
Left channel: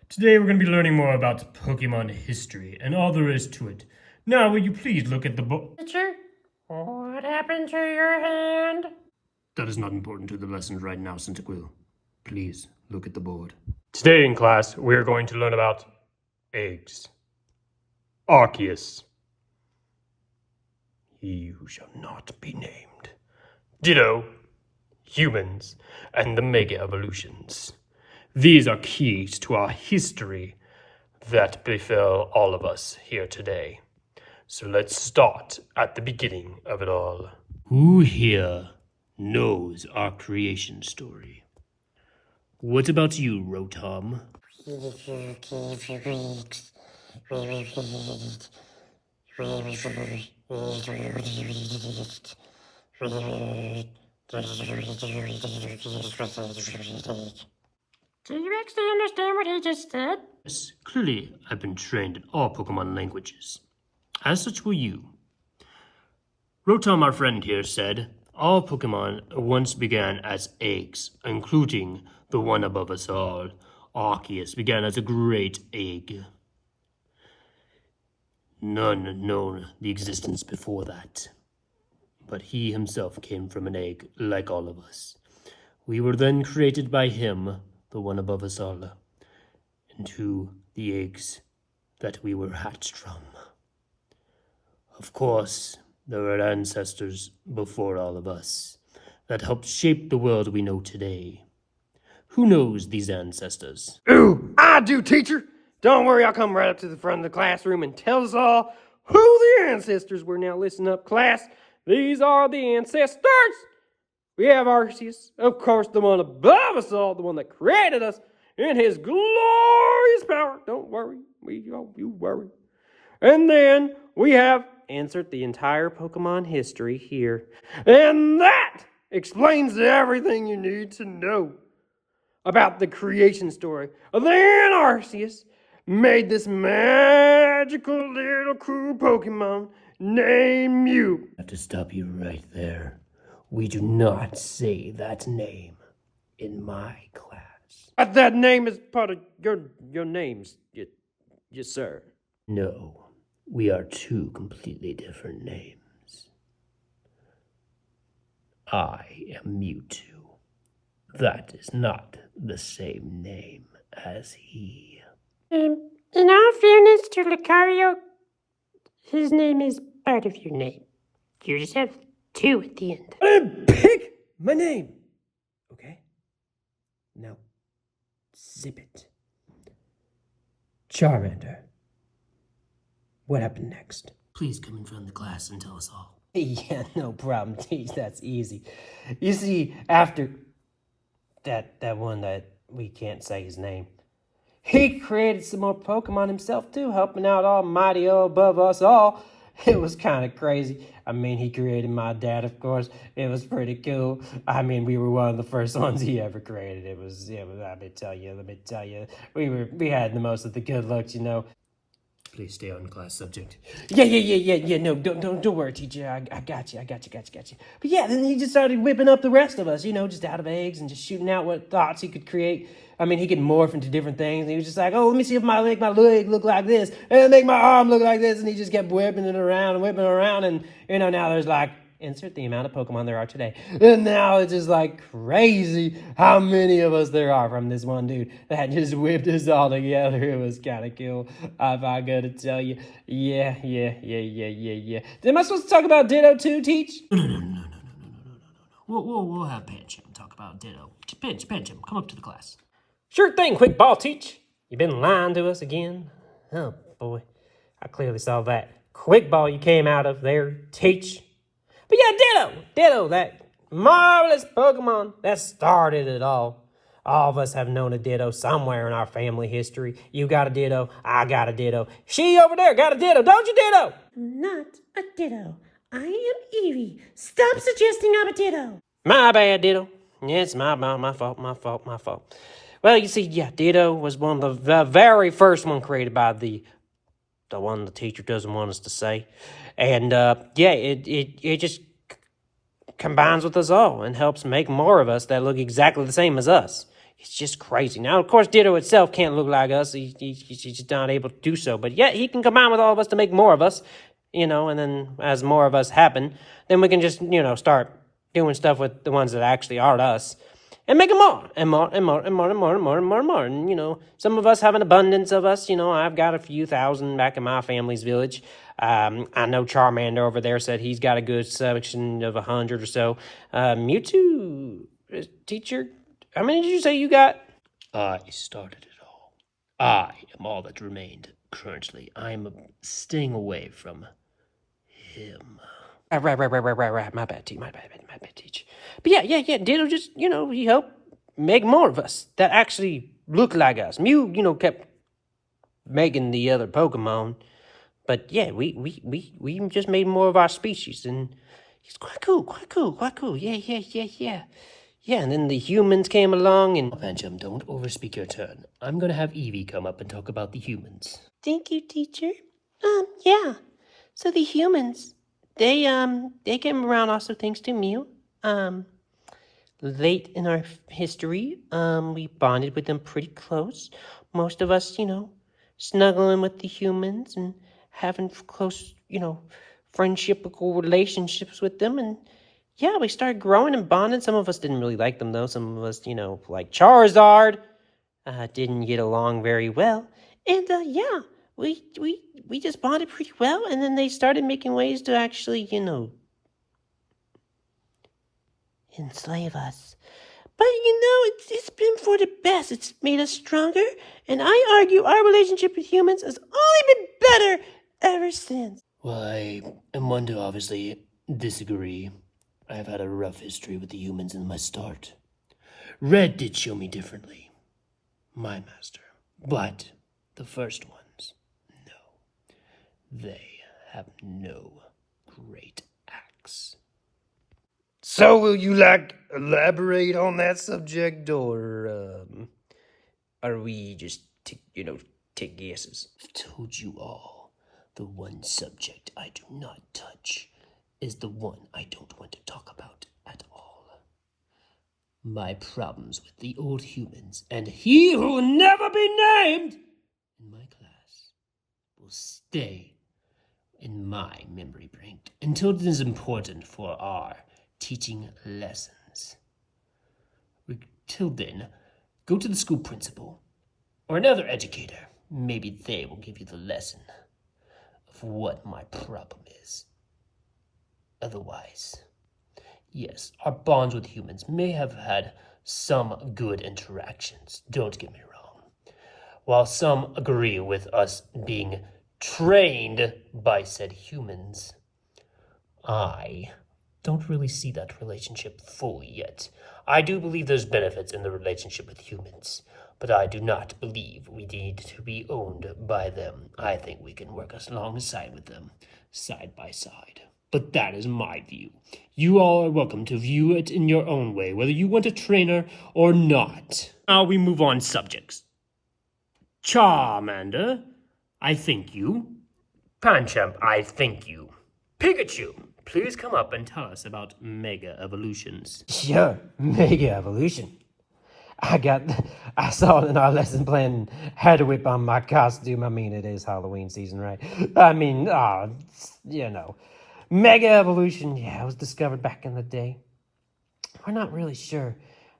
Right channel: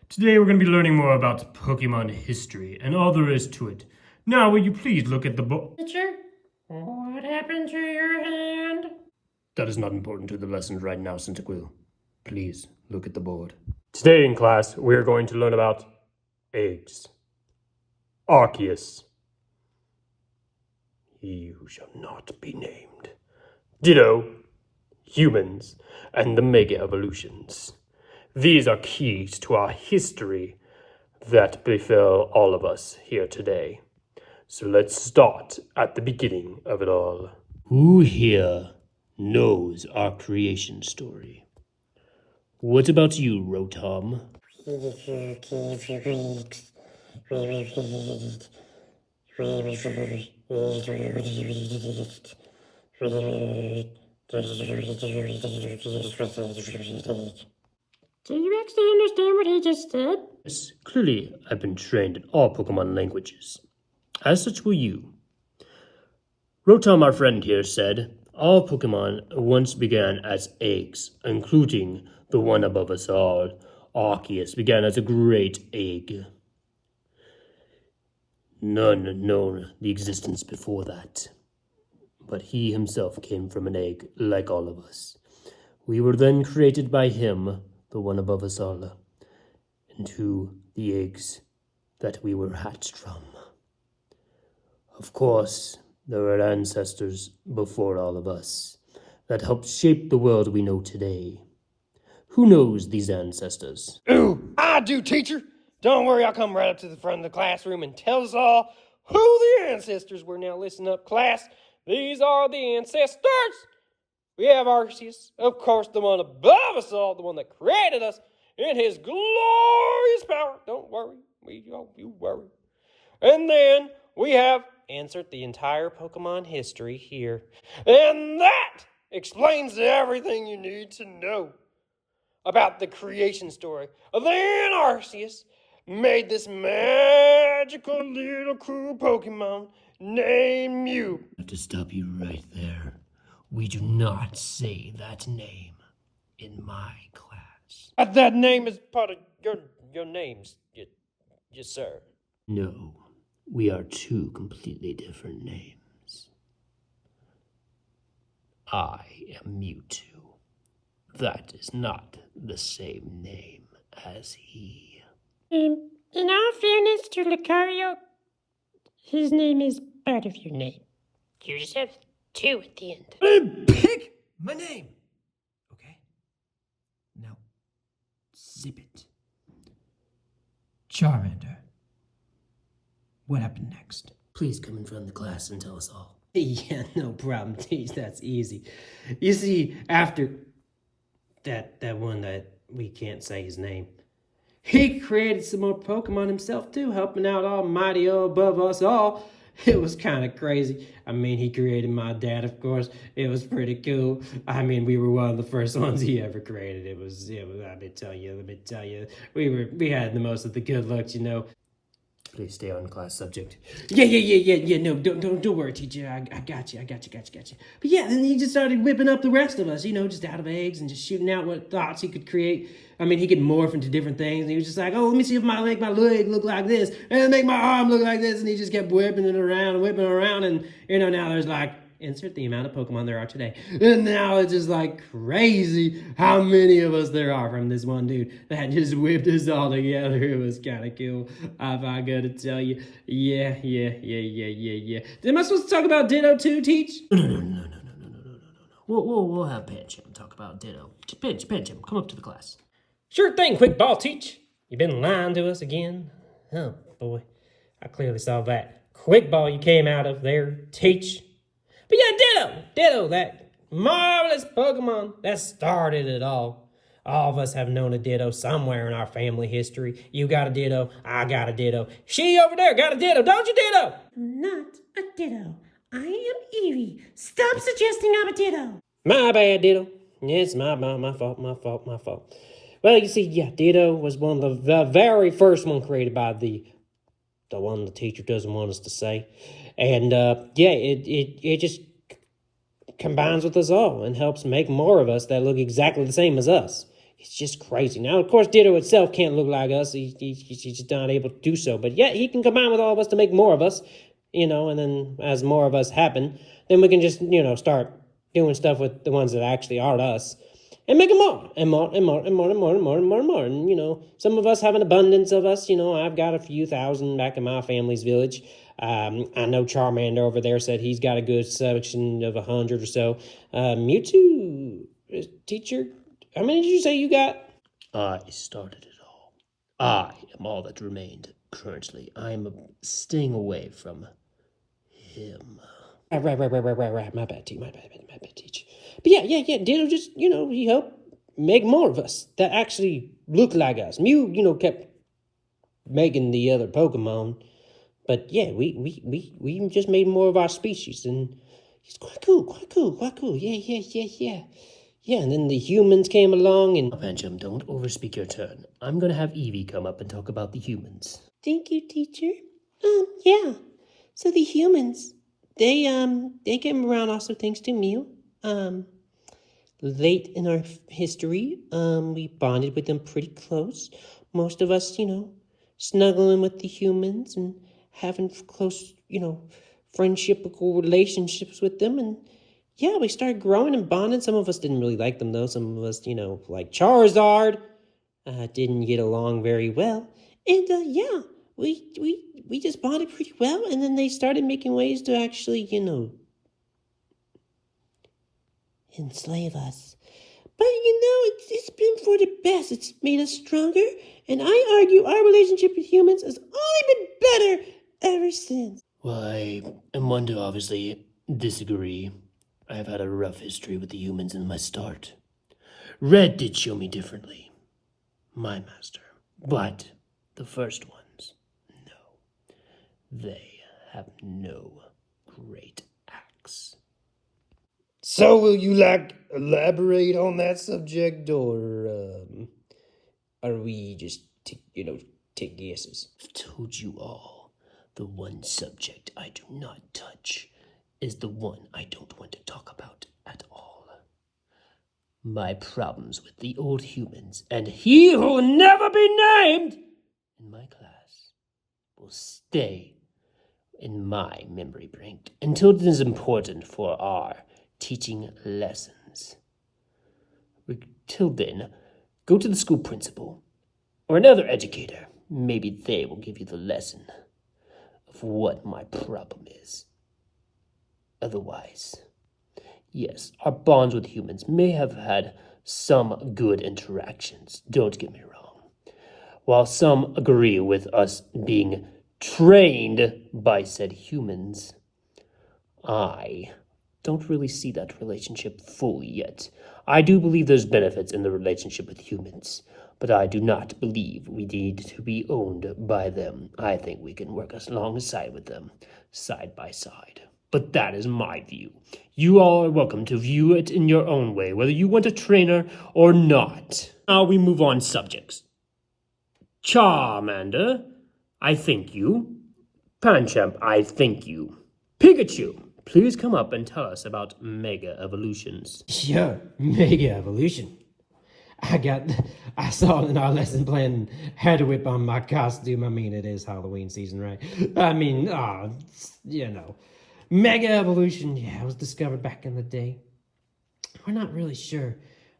Today we're going to be learning more about Pokemon history and all there is to it. Now, will you please look at the book? Teacher, what happened to your hand? That is not important to the lesson right now, Cyndaquil. Please look at the board. Today in class, we are going to learn about eggs. Arceus. He who shall not be named. Ditto, humans, and the Mega Evolutions. These are keys to our history that befell all of us here today. So let's start at the beginning of it all. Who here knows our creation story? What about you, Rotom? Do you actually understand what he just said? Yes, clearly I've been trained in all Pokemon languages. As such will you. Rotom, our friend here, said, all Pokemon once began as eggs, including the one above us all. Arceus began as a great egg. None known the existence before that. But he himself came from an egg, like all of us. We were then created by him, the one above us all, into the eggs that we were hatched from. Of course, there were ancestors before all of us that helped shape the world we know today. Who knows these ancestors? Ooh, I do, teacher. Don't worry, I'll come right up to the front of the classroom and tell us all who the ancestors were. Now listen up, class. These are the ancestors. We have Arceus, of course, the one above us all, the one that created us in his glorious power. Don't worry, you worry. And then we have insert the entire Pokemon history here. And that explains everything you need to know about the creation story. Then Arceus made this magical little cool Pokemon named Mew. I have to stop you right there. We do not say that name in my class. But that name is part of your names, yes, sir. No, we are two completely different names. I am Mewtwo. That is not the same name as he. In all fairness to Lucario, his name is part of your name. You just have two at the end. Pick my name. Okay? Now, zip it. Charmander. What happened next? Please come in front of the class and tell us all. Yeah, no problem, Teach. That's easy. You see, after that one that we can't say his name, he created some more Pokemon himself too, helping out Almighty above us all. It was kind of crazy. I mean, he created my dad, of course. It was pretty cool. I mean, we were one of the first ones he ever created. It was let me tell you. We had the most of the good looks, you know. Please stay on class subject. Yeah. No, don't worry, teacher. I got you. But yeah, then he just started whipping up the rest of us, just out of eggs and just shooting out what thoughts he could create. I mean, he could morph into different things. And he was just like, oh, let me see if I make my leg look like this, and make my arm look like this. And he just kept whipping it around. And, now there's like, insert the amount of Pokemon there are today. And now it's just like crazy how many of us there are from this one dude that just whipped us all together. It was kind of cool. I gotta tell you. Yeah. Am I supposed to talk about Ditto too, Teach? No. We'll have Pancham talk about Ditto. Pancham, come up to the class. Sure thing, Quick Ball, Teach. You been lying to us again? Oh, boy. I clearly saw that Quick Ball you came out of there, Teach. But yeah, Ditto, that marvelous Pokemon that started it all. All of us have known a Ditto somewhere in our family history. You got a Ditto, I got a Ditto. She over there got a Ditto, don't you, Ditto? Not a Ditto. I am Eevee. Stop suggesting I'm a Ditto. My bad, Ditto. Yeah, it's my fault. Well, you see, yeah, Ditto was one of the very first one created by the one the teacher doesn't want us to say. And, it just combines with us all and helps make more of us that look exactly the same as us. It's just crazy. Now, of course, Ditto itself can't look like us. He's just not able to do so. But, yeah, he can combine with all of us to make more of us, and then as more of us happen, then we can just, start doing stuff with the ones that actually are us. And make them more, and more. And, some of us have an abundance of us. I've got a few thousand back in my family's village. I know Charmander over there said he's got a good selection of 100 or so. Mewtwo, teacher, how many did you say you got? I started it all. I am all that remained currently. I am staying away from him. Right. My bad, Teach. But yeah. Ditto just, he helped make more of us that actually look like us. Mew, kept making the other Pokemon, But yeah, we just made more of our species, and it's quite cool. Yeah. Yeah, and then the humans came along, and... Pancham, don't overspeak your turn. I'm gonna have Evie come up and talk about the humans. Thank you, teacher. Yeah. So the humans, they came around also thanks to Mew. Late in our history, we bonded with them pretty close. Most of us, snuggling with the humans and having close, friendshipable relationships with them. And yeah, we started growing and bonding. Some of us didn't really like them, though. Some of us, like Charizard, didn't get along very well. And yeah, we just bonded pretty well. And then they started making ways to actually, enslave us. But it's been for the best. It's made us stronger, and I argue our relationship with humans has only been better ever since. Well, I am one to obviously disagree. I've had a rough history with the humans in my start. Red did show me differently, my master. But the first ones, no. They have no great acts. So will you, elaborate on that subject, or, are we just, take guesses? I've told you all, the one subject I do not touch is the one I don't want to talk about at all. My problems with the old humans, and he who will never be named in my class, will stay in my memory bank until it is important for our teaching lessons. Till then, go to the school principal or another educator. Maybe they will give you the lesson of what my problem is. Otherwise, yes, our bonds with humans may have had some good interactions, don't get me wrong. While some agree with us being trained by said humans, I don't really see that relationship fully yet. I do believe there's benefits in the relationship with humans, but I do not believe we need to be owned by them. I think we can work alongside with them, side by side. But that is my view. You all are welcome to view it in your own way, whether you want a trainer or not. Now we move on subjects. Charmander, I thank you. Pancham, I thank you. Pikachu, please come up and tell us about Mega Evolutions. Sure, Mega Evolution. I saw it in our lesson plan, had to whip on my costume. I mean, it is Halloween season, right? Mega Evolution, it was discovered back in the day. We're not really sure.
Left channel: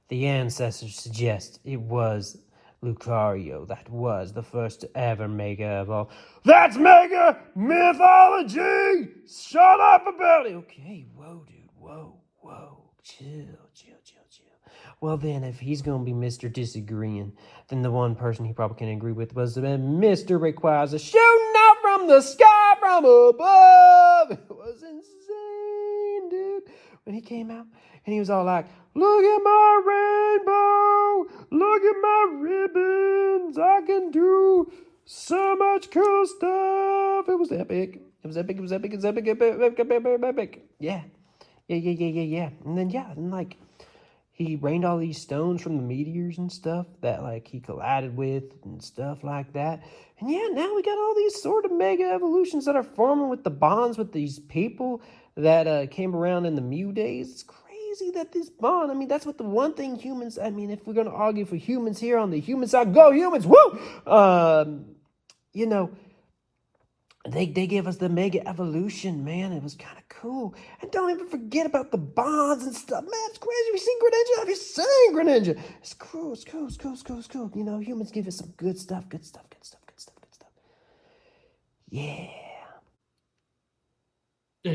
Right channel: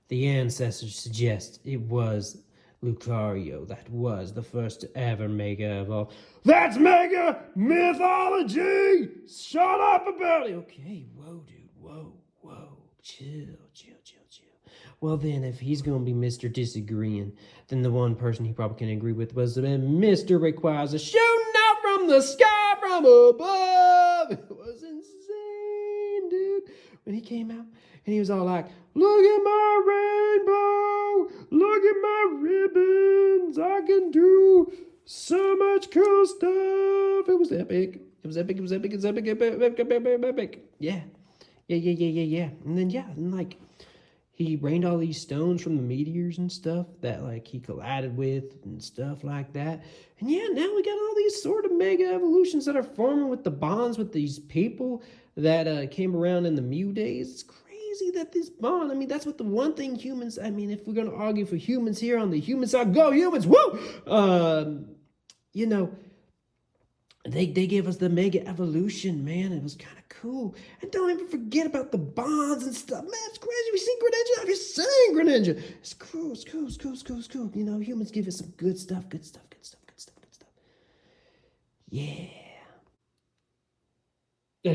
The ancestors suggest it was Lucario that was the first to ever Mega Evolve. That's Mega Mythology! Shut up about it! Okay, whoa, dude, whoa. Chill. Well then, if he's gonna be Mr. Disagreeing, then the one person he probably can agree with was Mr. Requires a shooting out from the sky from above! It was insane, dude. When he came out, and he was all like, look at my rainbow! Look at my ribbons! I can do so much cool stuff! It was epic. Epic. Yeah. And then, he rained all these stones from the meteors and stuff that, he collided with and stuff like that. And now we got all these sort of mega evolutions that are forming with the bonds with these people that came around in the Mew days. It's crazy that this bond, that's what the one thing humans, if we're going to argue for humans here on the human side, go humans, woo! They gave us the Mega Evolution, man. It was kind of cool. And don't even forget about the bonds and stuff. Man, it's crazy. Have you seen Greninja? Have you seen Greninja? It's cool. It's cool. Humans give us some good stuff. Yeah. Yeah.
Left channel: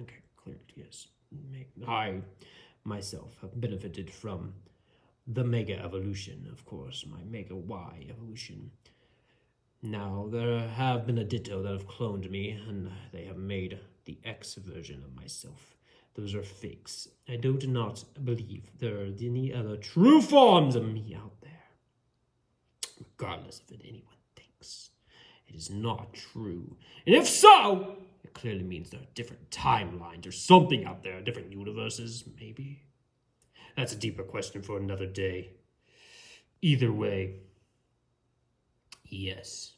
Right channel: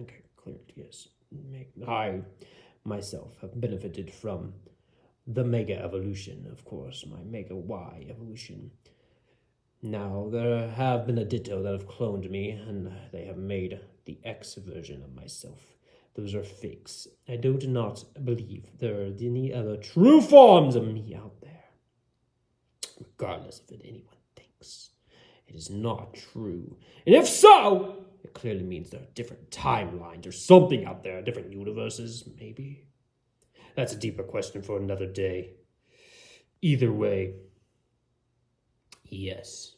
Okay, clear. Yes. I, myself, have benefited from the Mega Evolution, of course. My Mega Y Evolution. Now, there have been a Ditto that have cloned me, and they have made the X version of myself. Those are fakes. I do not believe there are any other true forms of me out there, regardless of what anyone thinks. It is not true. And if so, it clearly means there are different timelines or something out there, different universes, maybe. That's a deeper question for another day. Either way, yes.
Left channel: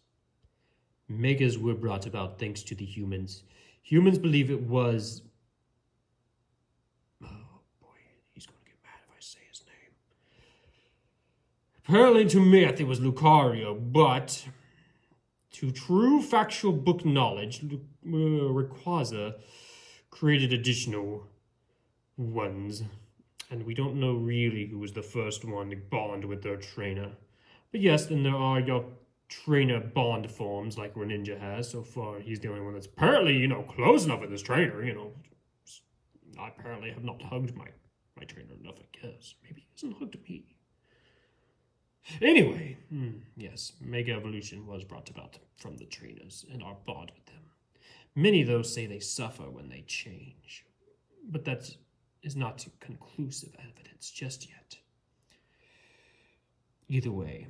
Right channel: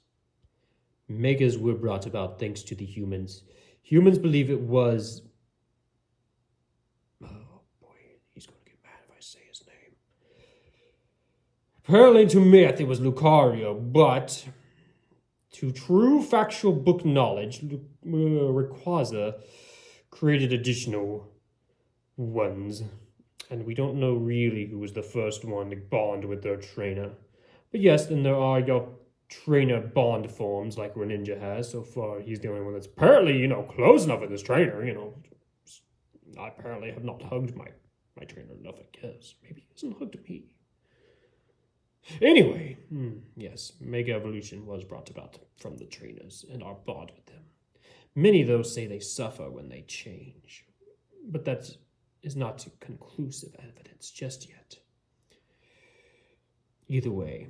Megas were brought about thanks to the humans. Humans believe it was... Oh boy, he's going to get mad if I say his name. Apparently to me, I think it was Lucario, but... To true factual book knowledge, Rayquaza created additional ones. And we don't know really who was the first one to bond with their trainer. But yes, then there are your trainer bond forms like Greninja has. So far, he's the only one that's apparently, close enough with his trainer, I apparently have not hugged my trainer enough, I guess. Maybe he hasn't hugged me. Anyway, yes, Mega Evolution was brought about from the trainers and our bond with them. Many, though, say they suffer when they change. But that is not conclusive evidence just yet. Either way,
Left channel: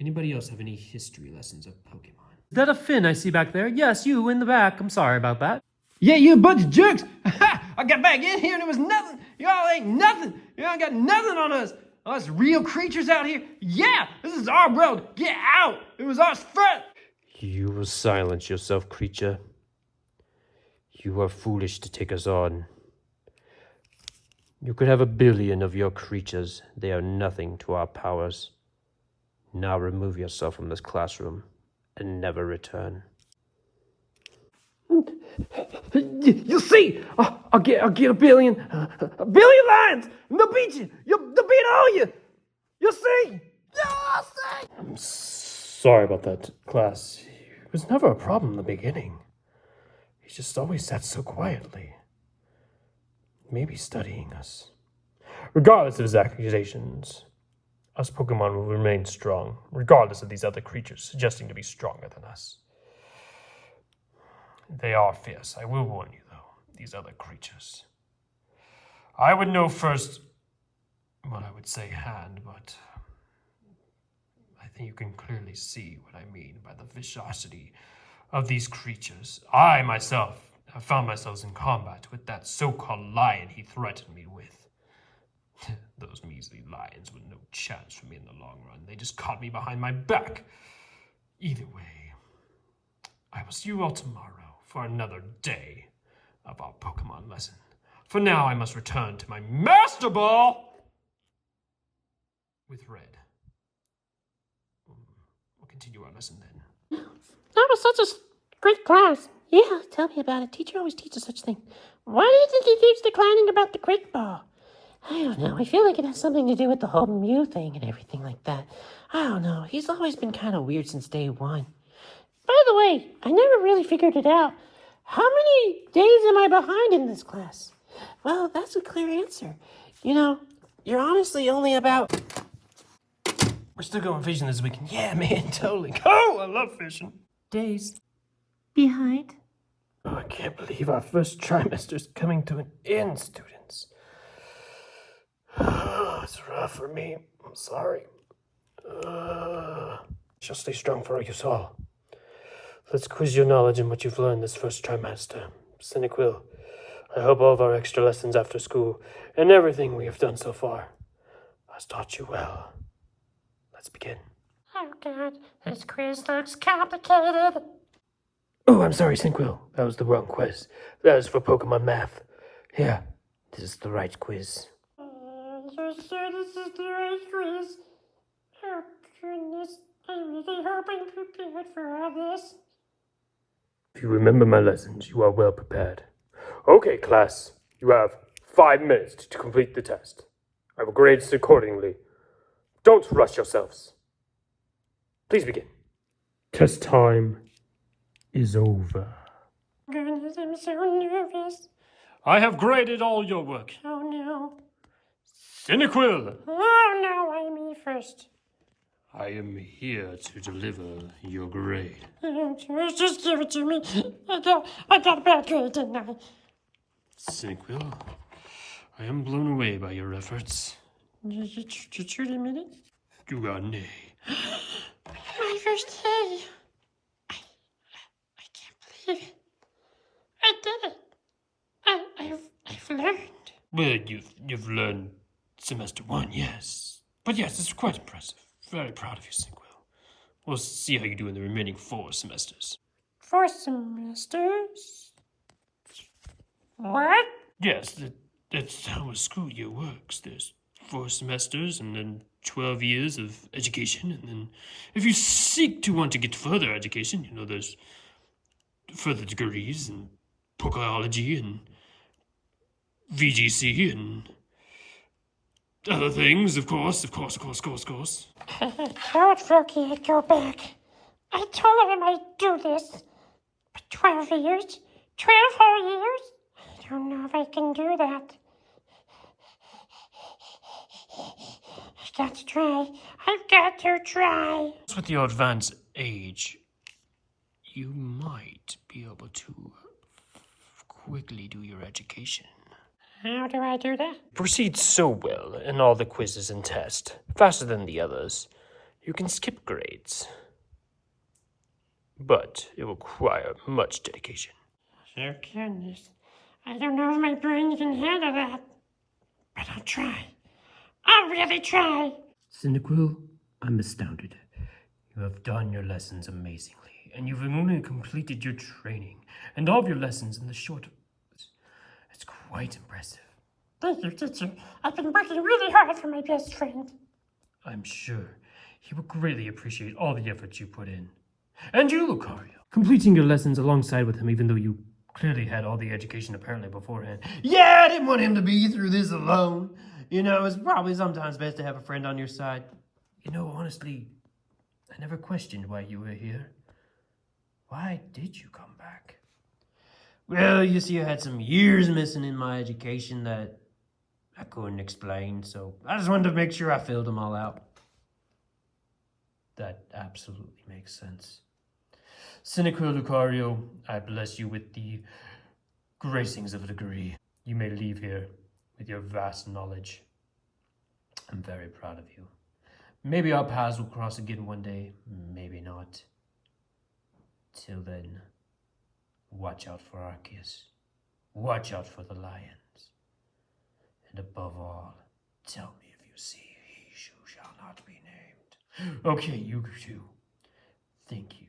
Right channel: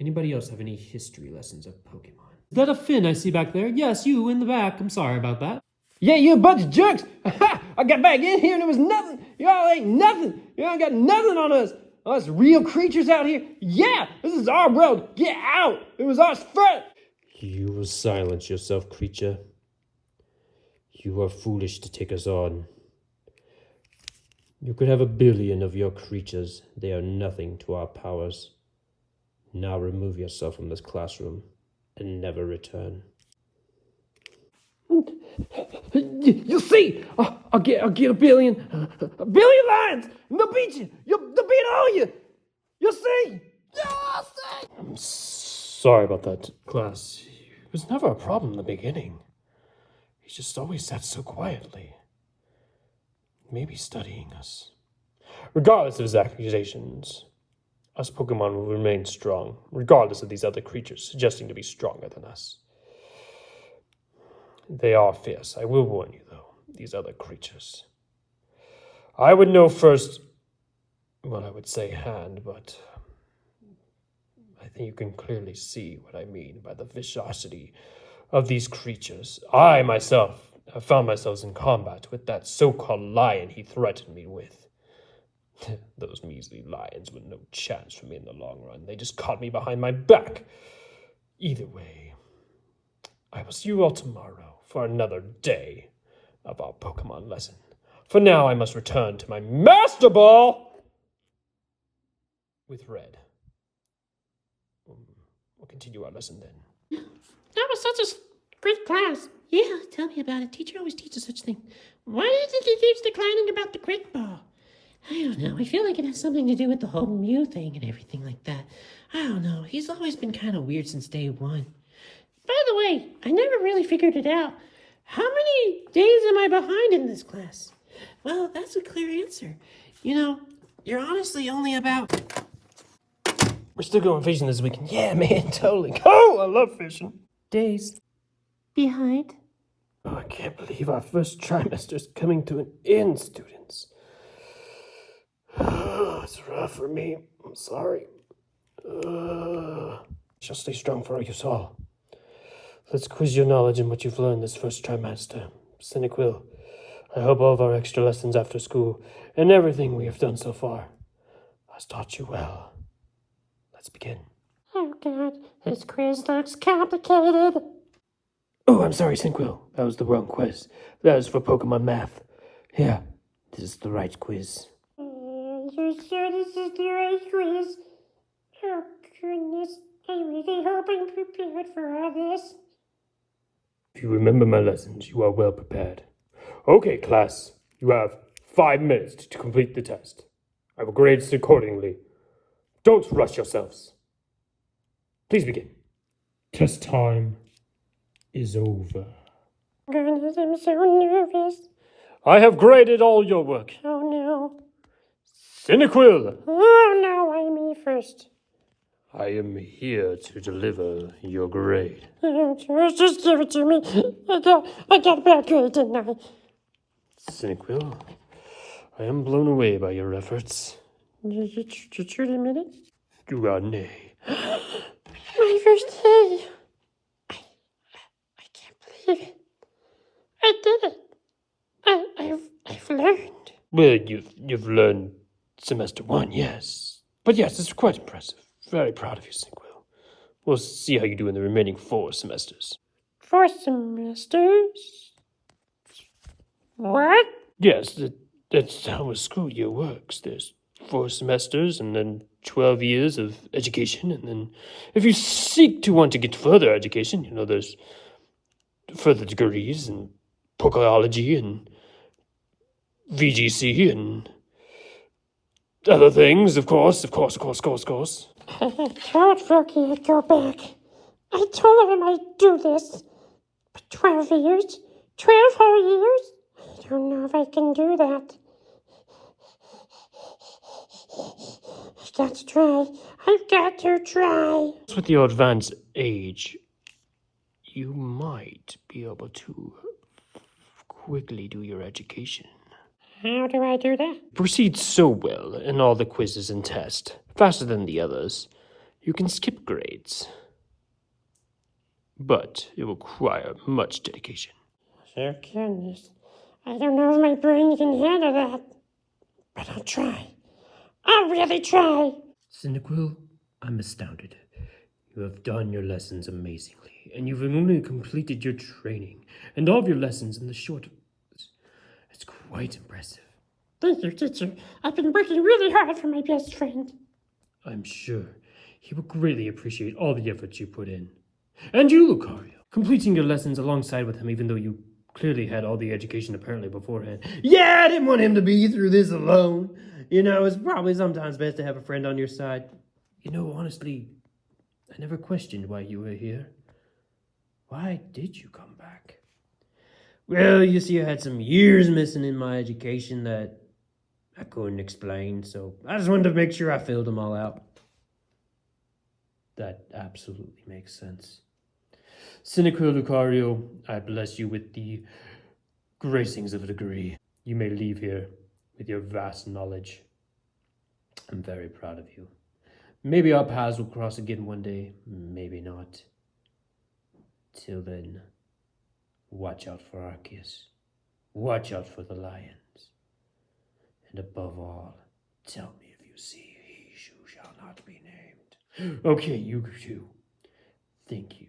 anybody else have any history lessons of Pokemon? Is that a Finn I see back there? Yes, you in the back. I'm sorry about that. Yeah, you a bunch of jerks! I got back in here and it was nothing! Y'all ain't nothing! Y'all got nothing on us! Us real creatures out here? Yeah! This is our world! Get out! It was us first! You will silence yourself, creature. You are foolish to take us on. You could have 1 billion of your creatures. They are nothing to our powers. Now remove yourself from this classroom and never return. You'll see! I'll get 1 billion! 1 billion lions! And they'll beat you! They'll beat all you! You'll see! You'll see! I'm sorry about that, class. It was never a problem in the beginning. He just always sat so quietly. Maybe studying us. Regardless of his accusations, us Pokemon will remain strong, regardless of these other creatures suggesting to be stronger than us. They are fierce, I will warn you, though, these other creatures. I would know first, well, I would say hand, but I think you can clearly see what I mean by the viscosity of these creatures. I, myself, have found myself in combat with that so-called lion he threatened me with. Those measly lions with no chance for me in the long run. They just caught me behind my back. Either way, I will see you all tomorrow for another day of our Pokemon lesson. For now, I must return to my Master Ball with Red. We'll continue our lesson then. That was such a great class. Yeah, tell me about it. Teacher always teaches such things. Why do you think he keeps declining about the Great Ball? I don't know. I feel like it has something to do with the whole Mew thing and everything like that. I don't know. He's always been kind of weird since day one. By the way, I never really figured it out. How many days am I behind in this class? Well, that's a clear answer. You're honestly only about... We're still going fishing this weekend. Yeah, man, totally. Oh, I love fishing. days behind. Oh, I can't believe our first trimester's coming to an end, students. It's rough for me. I'm sorry. Shall stay strong for you all. Let's quiz your knowledge in what you've learned this first trimester. Cynical, I hope all of our extra lessons after school and everything we have done so far has taught you well. Let's begin. Oh god, this quiz looks complicated. Oh, I'm sorry, Cinquil. That was the wrong quiz. That is for Pokemon math. Yeah, this is the right quiz. You sure this is the right quiz? Oh goodness, I really hope I'm prepared for all this. If you remember my lessons, you are well prepared. Okay, class, you have 5 minutes to complete the test. I will grade it accordingly. Don't rush yourselves. Please begin. Test time is over. Goodness, I'm so nervous. I have graded all your work. Oh no. Cyniquil, Oh no, I'm me first. I am here to deliver your grade. Oh, just give it to me. I got a bad grade, didn't I? Cyniquil, I am blown away by your efforts. You truly admit it? You got an A. My first day. I I did it. I've learned. Well, you've learned semester 1, yes. But yes, it's quite impressive. Very proud of you, Cinquil. We'll see how you do in the remaining 4 semesters. 4 semesters? What? Yes, that's how a school year works. There's 4 semesters and then 12 years of education, and then if you seek to want to get further education, there's further degrees in Pokeology and VGC and other things, of course. I told Froggy I'd go back. I told him I'd do this. For 12 years? 12 whole years? I don't know if I can do that. I got to try. I've got to try. With your advanced age, you might be able to quickly do your education. How do I do that? Proceed so well in all the quizzes and tests, faster than the others, you can skip grades. But it will require much dedication. Oh, goodness. I don't know if my brain can handle that. But I'll try. I'll really try. Cyndaquil, I'm astounded. You have done your lessons amazingly, and you've only completed your training and all of your lessons in the short. It's quite impressive. Thank you, teacher. I've been working really hard for my best friend. I'm sure he will greatly appreciate all the effort you put in. And you, Lucario, completing your lessons alongside with him, even though you clearly had all the education apparently beforehand. Yeah, I didn't want him to be through this alone. It's probably sometimes best to have a friend on your side. Honestly, I never questioned why you were here. Why did you come back? Well, you see, I had some years missing in my education that I couldn't explain, so I just wanted to make sure I filled them all out. That absolutely makes sense. Cynical Lucario, I bless you with the gracings of a degree. You may leave here with your vast knowledge. I'm very proud of you. Maybe our paths will cross again one day, maybe not. Till then, watch out for Arceus. Watch out for the lions. And above all, tell me if you see he who shall not be named. Okay, you two. Thank you.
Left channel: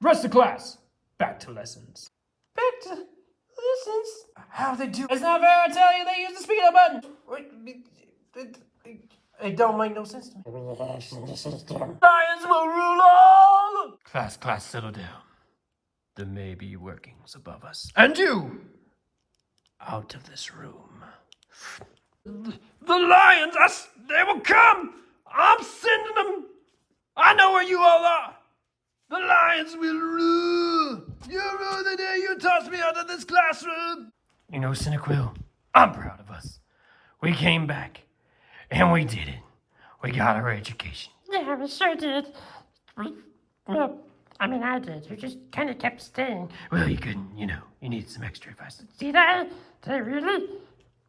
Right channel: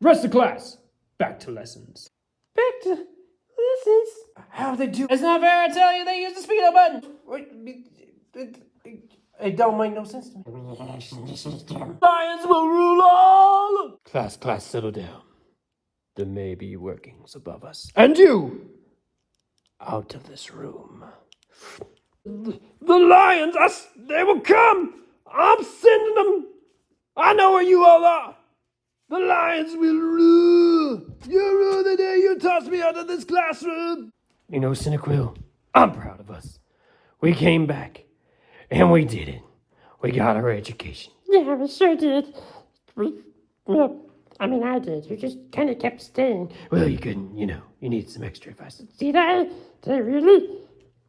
Rest of class. Back to lessons. Back to lessons? How they do? It's not fair. I tell you, they use the speed up button. It don't make no sense to me. Lions will rule all. Class, settle down. There may be workings above us. And you, out of this room. The lions, they will come. I'm sending them. I know where you all are. The lions will rule. You rule the day you toss me out of this classroom. Cyndaquil, I'm proud of us. We came back, and we did it. We got our education. Yeah, we sure did. I did. You just kind of kept staying. Well, you couldn't, you needed some extra advice. Did I? Did I really?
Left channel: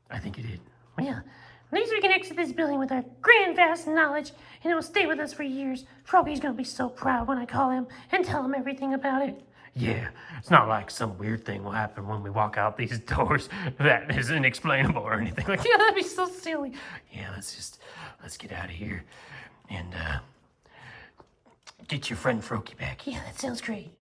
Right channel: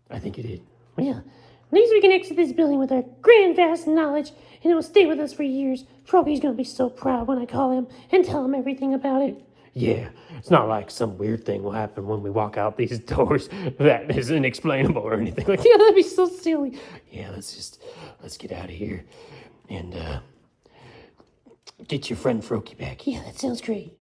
I think you did. Well, at least we can exit this building with our grand vast knowledge, and it will stay with us for years. Froggy's gonna be so proud when I call him and tell him everything about it. Yeah, it's not like some weird thing will happen when we walk out these doors that is inexplainable or anything like that. Yeah, that'd be so silly. Yeah, let's get out of here and get your friend Froakie back. Yeah, that sounds great.